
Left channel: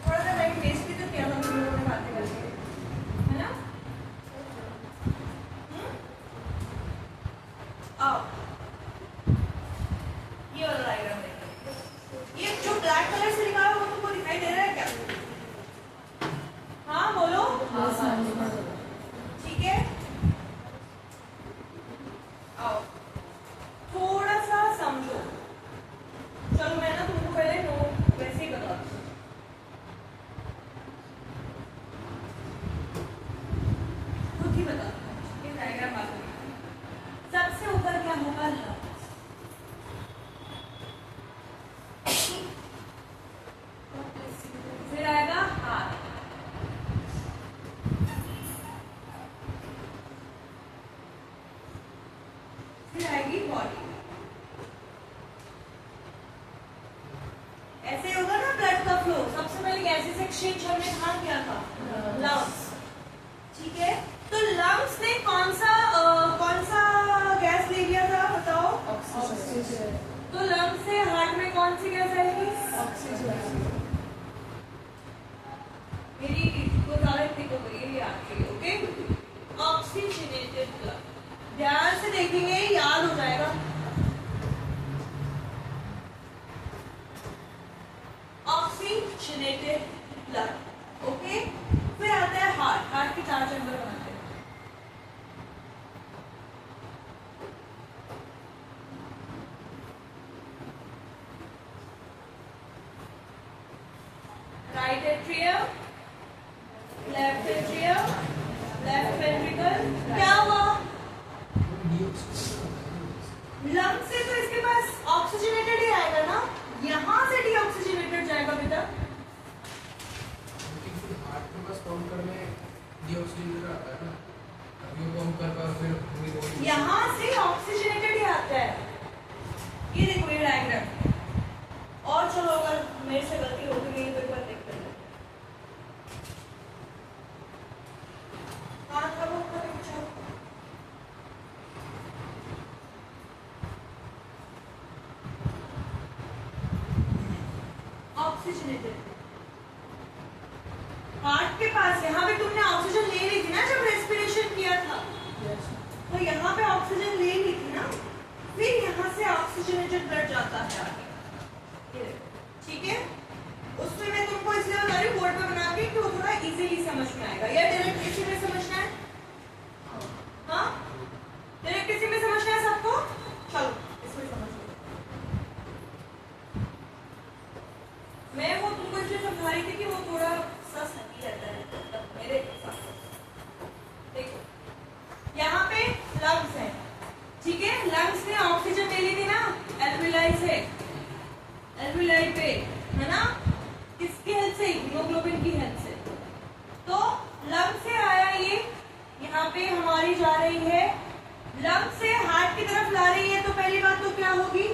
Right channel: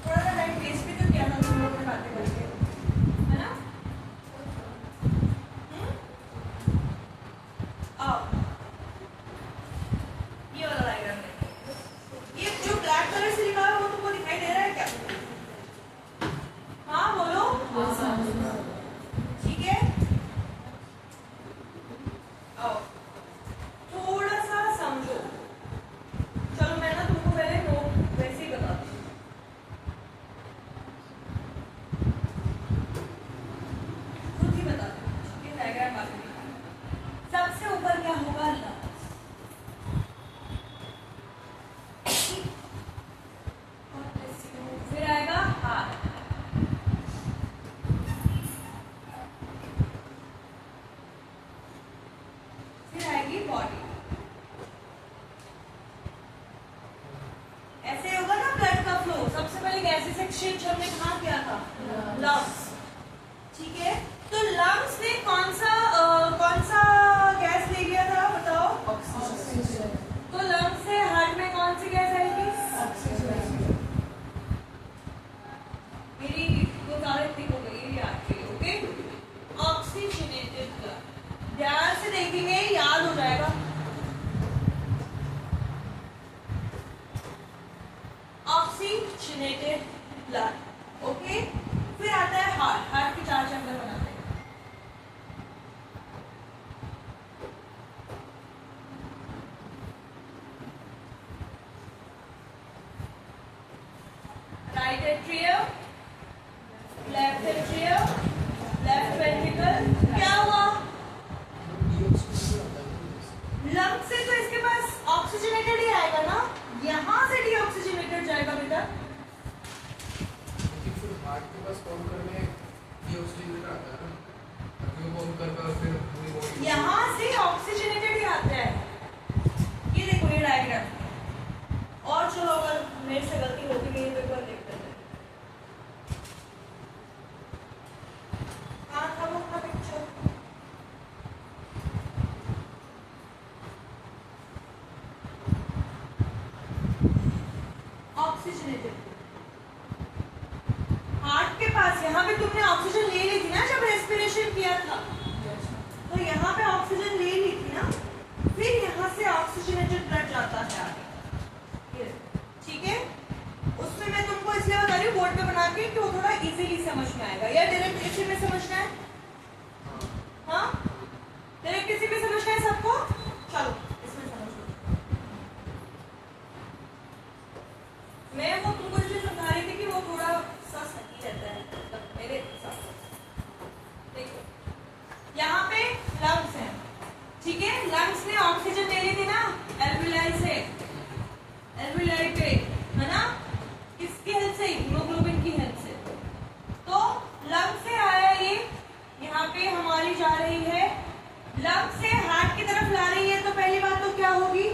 थोड़ा सा टाइम वेस्ट भी तो किया था हम लोगों ने बातें करके, है ना। ये वाला डायग्राम है, ये जो ब्लैक कलर से लिखा है वो तुमको दिखाई दे रहा है क्या? हाँ बोलो, ठीक है। आओ थोड़ा सा समझो, चलो मैं ना तुमको पहले नोट वैसे ही बताती हूँ। खुद ही बताती हूँ, ठीक है, डायग्राम मालूम है। सबसे ऊपर क्या होगा, फिर आएगा हाथ, फिर आएगी बॉडी। ऐसे होगा ना ब्लड का फ्लो। सबसे पहले गैसेस एक्सचेंज हमने कहाँ किया था, लंग्स, ठीक है। तो लंग्स में कौन सा गैस ले लिया था, बताओ? ऑक्सीजन। तो लंग्स से हार्ट में कौन सी गैस आएगी, ऑक्सीजन। मेरी को ज्यादा ठीक हो गई है आपके लिए, ओके। ऑक्सीजनेटेड ब्लड, ध्यान से देखेंगे, याद हो जाएगा। Oxygenated blood, okay. फिर आता है हार्ट के 4 चैम्बर बनाते हैं। Right atrium, left atrium, left ventricle. क्या हुआ, लंग से तो इसके पास ऑक्सीजनेटेड ही आएगा ना, यहाँ से डीऑक्सीजनेटेड जाएगा बेटा। हार्ट के पास पंप करने डीऑक्सीजनेटेड आता है ना, वो पंप कर फिर यहाँ से ऑक्सीजनेटेड ही आता है। ये देखो ये डायग्राम। और चलो अगर मेरे से गलती होगी नहीं तो एक बार देखते हैं। हाँ था वो अपना पिक्चर, ऑक्सीजनेटेड हार्ट के पास। यहाँ पे तुमने ऑक्सीजन ले ली थी ना जब रेस्पिरेशन किया था, तो यहाँ पे ऑक्सीजन ले ली थी ना, फिर यहाँ से ऑक्सीजनेटेड ब्लड जाता है आगे, ठीक है। उसमें मैं तुमको इसलिए बता रही हूँ बोर्ड पे बना के कि वो थोड़ा इजीली समझ में आएगा। या डायरेक्ट किसी में समझना है, हाँ डायरेक्ट किसी में समझना है सबको, चलो इसमें समझ लो। मैं वो तुमको इसलिए समझा रही थी कि वो थोड़ा सा सही रहता है मेरे हिसाब से। देखो यहाँ पे लंग्स है, ठीक है। लंग्स में ऑक्सीजन ले ली थी ना एल्विलाई से, एल्विलाई पे, है ना, किसकी हेल्प से, हीमोग्लोबिन की हेल्प से। तो लंग से आया ये, यहाँ पे हमारी जा रही है, लंग से हार्ट की तरफ ला रही है, तो पहली बात तो क्या होगी,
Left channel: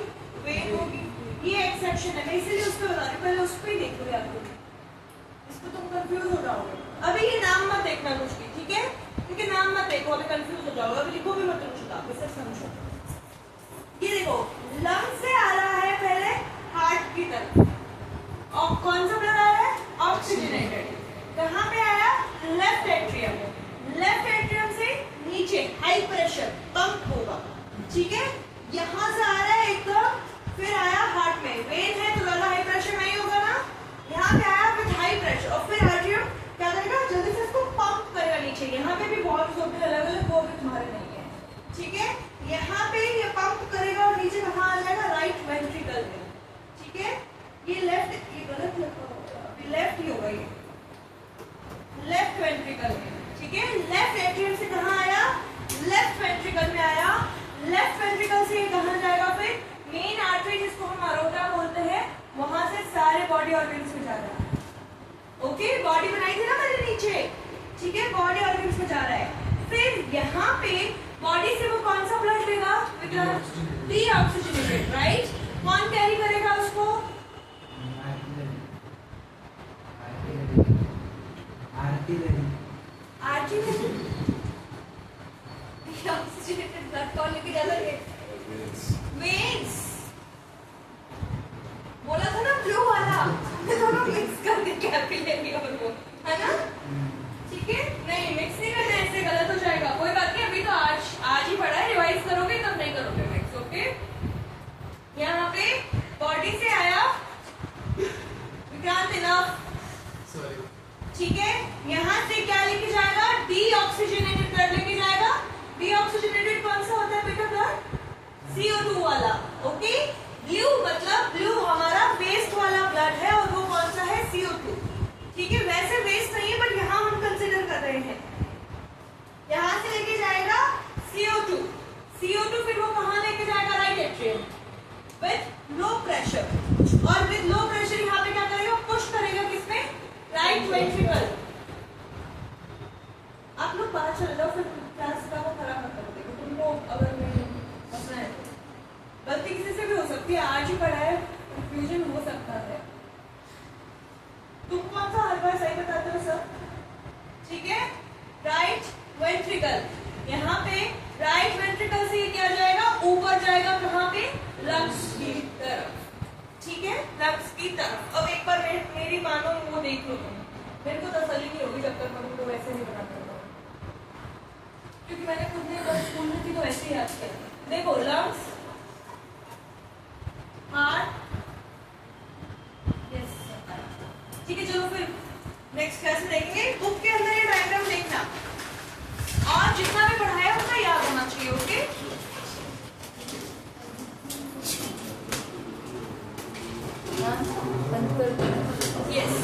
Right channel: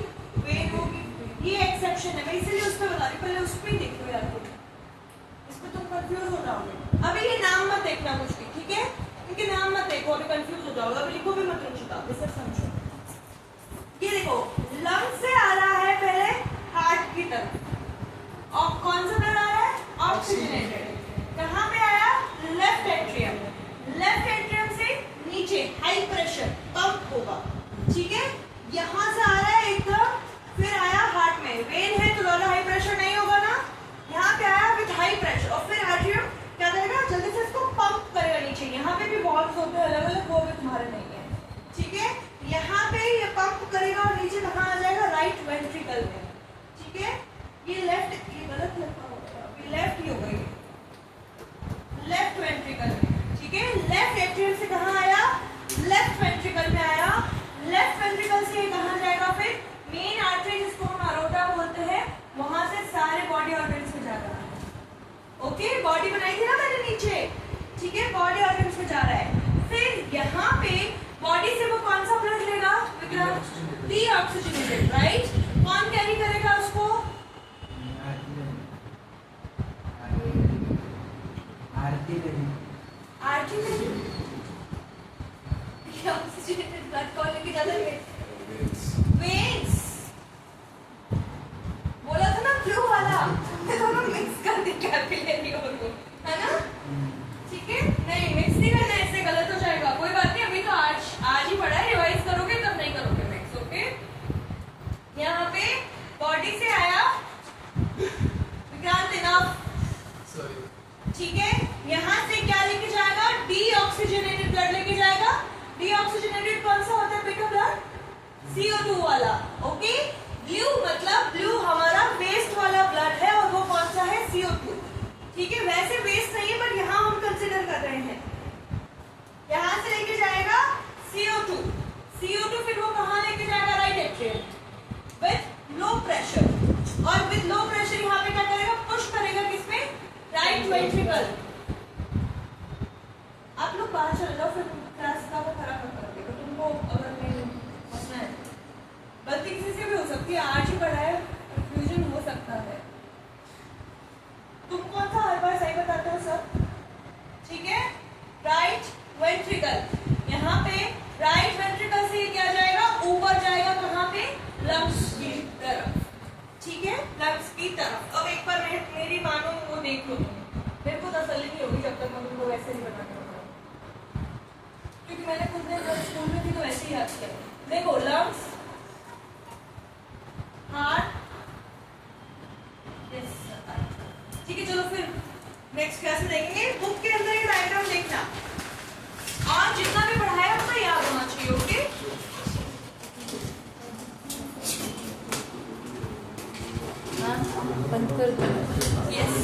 वेन होगी। ये एक सेक्शन है, मैं इसीलिए उस पर बता रही हूँ, पहले उस पर नाम मत देखो, अभी कंफ्यूज हो जाओगे, अभी लिखो भी मत रुचिता, अभी सब समझो। ये देखो लंग्स से आ रहा है पहले हार्ट की तरफ और कौन सा ब्लड आ रहा है? ऑक्सीजनेटेड। कहाँ पे आया? Left atrium. लेफ्ट एट्रियम से नीचे हाई प्रेशर पंप होगा, ठीक है। यहाँ से आ रहा है एकदम, फिर आया हार्ट में, वेन है तो ज्यादा हाई प्रेशर नहीं होगा ना, यहाँ पे आया विद हाई प्रेशर और फिर आर्टियम क्या करेगा? जल्दी से इसको पंप करेगा नीचे। यहाँ पे भी बहुत होते हैं अलग अलग, वो भी तुम्हारे नहीं है, ठीक है। यहाँ पे ये पंप करेगा और नीचे कहाँ आ जाएगा? राइट वेंट्रिकल में, ठीक है। ये लेफ्ट, ये गलत लिखा होगा, अभी लेफ्ट ही होगा, ये लेफ्ट वेंट्रिकल में, ठीक है। लेफ्ट एट्रियम से कहाँ आया? लेफ्ट वेंट्रिकल में आया। लेफ्ट वेंट्रिकल से कहाँ जाएगा? फिर मेन आर्टरी जिसको हम अरोटा बोलते हैं, वहां से सारे बॉडी ऑर्गन्स में जाएगा। ओके, बॉडी बनाई थी ना मैंने नीचे, ठीक है, बॉडी ऑर्गन्स में जा रहा है। फिर यहाँ पे बॉडी से वो कौन सा ब्लड लेगा? Deoxygenated, right. कौन कैरी करेगा उसको? आर्टिलरी। डीऑक्सीजनेटेड ब्लड कौन लेके जाता है? वेन्स। बोला था ना ब्लू वाला, दोनों मिक्स कर दे कैपिलरी और वो, है ना, ठीक है। नहीं मिक्स नहीं करना, ऐसे गलत हो जाएगा। कोई बात नहीं, अभी तो आज ही पढ़ा है, रिवाइज करोगे तब नहीं करोगे मिक्स, ओके। यहाँ पे बॉडी से आया विक्रांत, इनफ, ठीक है। यहाँ से क्या लेके जाएगा? डीऑक्सीजनेटेड ब्लड लेके जाएगा। डीऑक्सीजनेटेड कौन सा होता है बेटा ब्लड? CO2 वाला, ओके। ब्लू मतलब ब्लू हमारा वेस्ट वाला ब्लड है और वो कौन सा है? CO2, ठीक है। वैसे वेस्ट नहीं है बट यहाँ हम कंसिडर कर रहे हैं। यहाँ से लेके जाएगा CO2, CO2 फिर वो कहाँ लेके जाएगा? Right atrium with low pressure, और विद लो प्रेशर यहाँ पे क्या करेगा? पुश करेगा किसमें? Right ventricle. आप लोग बाहर चल जाओ, फिर क्लास का वो खराब मत कर देगा तुमको, अगर नहीं हंसना है तो। गलती किसी से भी हो सकती है, आज ही पढ़ा है, कंफ्यूजन हो सकता है। तुम कौन सा हर बार सही बताते हो सब, ठीक है। राइट वेंट्रिकल, यहाँ पे राइट वेंट्रिकल से क्या जाएगा? ऊपर जाएगा, कहाँ पे? लंग्स की तरफ, ठीक है, लंग्स की तरफ। अब एक बार मेरी मानो वो देख लो तुम, मेरे को तसल्ली नहीं होगी जब तक मैं तुमको वैसे नहीं बता पाऊंगा, क्योंकि मैंने खुद ने स्कूल में भी तो ऐसे ही याद किया। देखो लंग्स, हार्ट, ठीक है। चलो फिर नेक्स्ट क्लास में देखेंगे। बुक के अंदर ये डायग्राम देखना और जितना भी पढ़ाया उतना याद होना चाहिए, ओके। यस